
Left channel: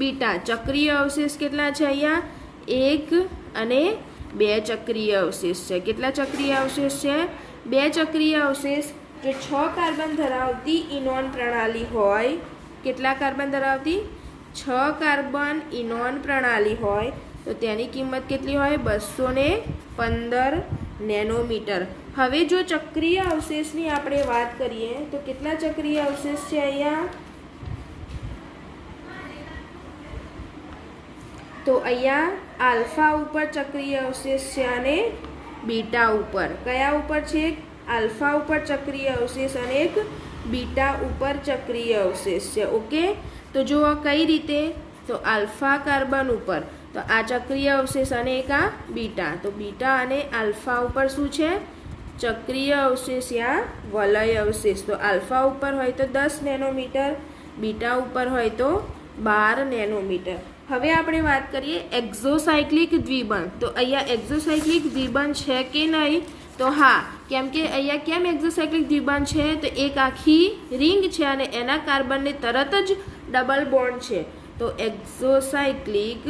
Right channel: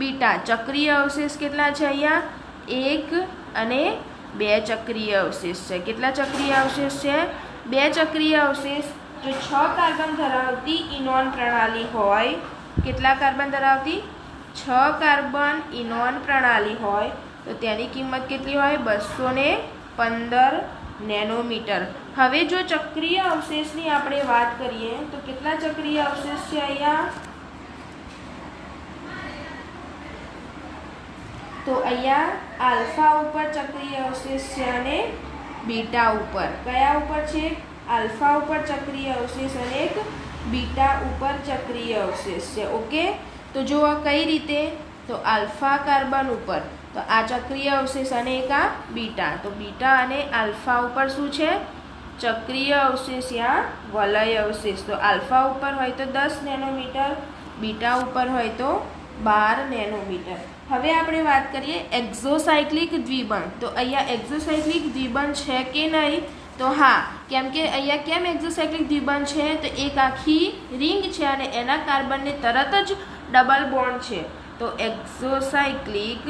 બીટા. ચક્રીય અવશેષ કેટલા છે? અહીંયા 1 અને 2 ચક્રીય અવશેષ છે. કેટલા ચક્રીય અવશેષ છે? 2 ચક્રીય અવશેષ. જો 6 કાર્બન ધરાવતી ઇનોન પ્રણાલી હોય, કેટલા કાર્બન ધરાવતી? 6 કાર્બન ઇનોન પ્રણાલી હોય તો તેની કિંમત કેટલી હોય? 215 નેનોમીટર. હવે જો ચક્રીય અવશેષની આપણે વાત કરીએ તો કેટલા ચક્રીય અવશેષ છે અહીંયા? તો અહીંયા આલ્ફા ઉપર ચક્રીય અવશેષ છે અને બીટા ઉપર. કયા ઉપર છે? આલ્ફા ઉપર ચક્રીય અવશેષ અને એક બીટા ઉપર ચક્રીય અવશેષ છે. ઓકે, તો જો કઈ રીતે? તો આલ્ફા કાર્બન ઉપર તો આ ચક્રીય અવશેષ અને એક આ બીટા. તો બીટા અને આલ્ફા ઉપર શું છે? ચક્રીય અવશેષ યા વલય અવશેષ. તો આલ્ફા ઉપર હોય તો 10 નેનોમીટર, બીટા ઉપર હોય તો 12 નેનોમીટર. હવે આપણે વાત કરીએ એક્ઝોસાયક્લિક દ્વિબંધ. તો અહીંયા એક્ઝોસાયક્લિક દ્વિબંધ છે કે નહીં? તો હા, કેમ કે અહીંયા કેમ એક્ઝોસાયક્લિક દ્વિબંધ છે? તો એક આખી રિંગ છે અને એના કાર્બનને તરત જ ડબલ બોન્ડ છે. તો એક્ઝોસાયક્લિક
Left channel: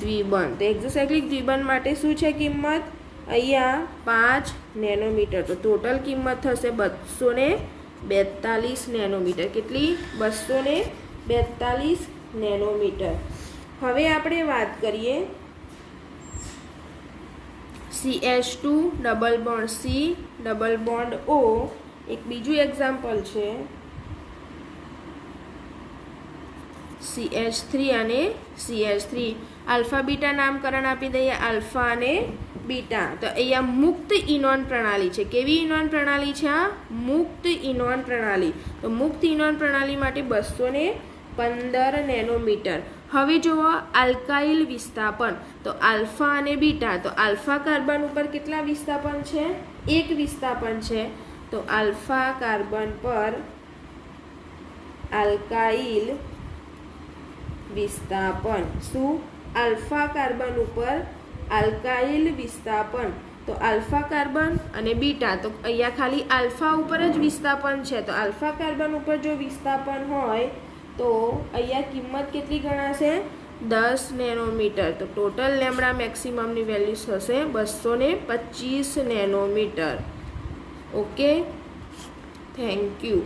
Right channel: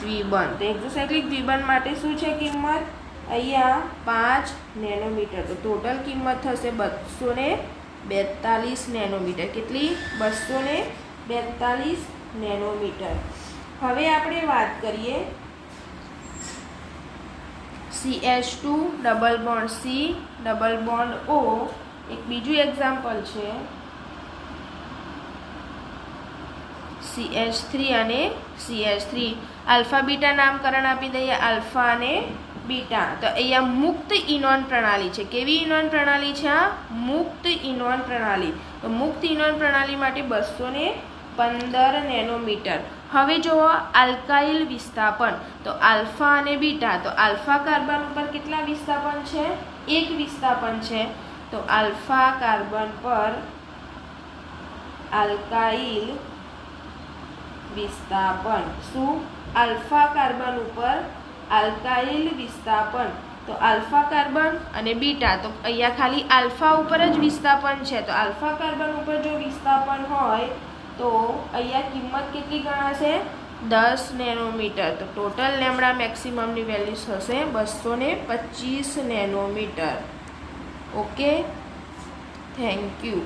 દ્વિબંધ. તો એક્ઝોસાયક્લિક દ્વિબંધ માટે શું છે કિંમત? અહીંયા 5 નેનોમીટર. તો ટોટલ કિંમત થશે 242 નેનોમીટર. કેટલી? 242 નેનોમીટર. હવે આપણે વાત કરીએ CH2 double bond C double bond O. એક બીજું એક્ઝામ્પલ છે CH3 અને CH3. આલ્ફા બીટા નામકરણ આપી દઈએ. આલ્ફા અને બીટા. તો અહીંયા મુક્ત ઇનોન પ્રણાલી છે. કેવી ઇનોન પ્રણાલી છે? આ મુક્ત ઇનોન પ્રણાલી. તો મુક્ત ઇનોન પ્રણાલી માટે 215 નેનોમીટર. હવે જુઓ આલ્કાઇલ વિસ્થાપન. તો આલ્ફા અને બીટા. તો આલ્ફા કાર્બન ઉપર કેટલા વિસ્થાપન છે? 1 વિસ્થાપન છે. તો આલ્ફા કાર્બન પર આલ્કાઇલ વિસ્થાપન. શું? આલ્ફા કાર્બન ઉપર આલ્કાઇલ વિસ્થાપન. તો આલ્ફા કાર્બન અને બીટા, તો અહીંયા ખાલી આલ્ફા ઉપર જ વિસ્થાપન છે. તો આલ્ફા કાર્બન ઉપર જો વિસ્થાપન હોય તો અહીંયા કિંમત કેટલી ગણાશે? 10 નેનોમીટર. તો ટોટલ લેમ્ડા મેક્સિમમની વેલ્યુ થશે 225 નેનોમીટર. Okay, thank you.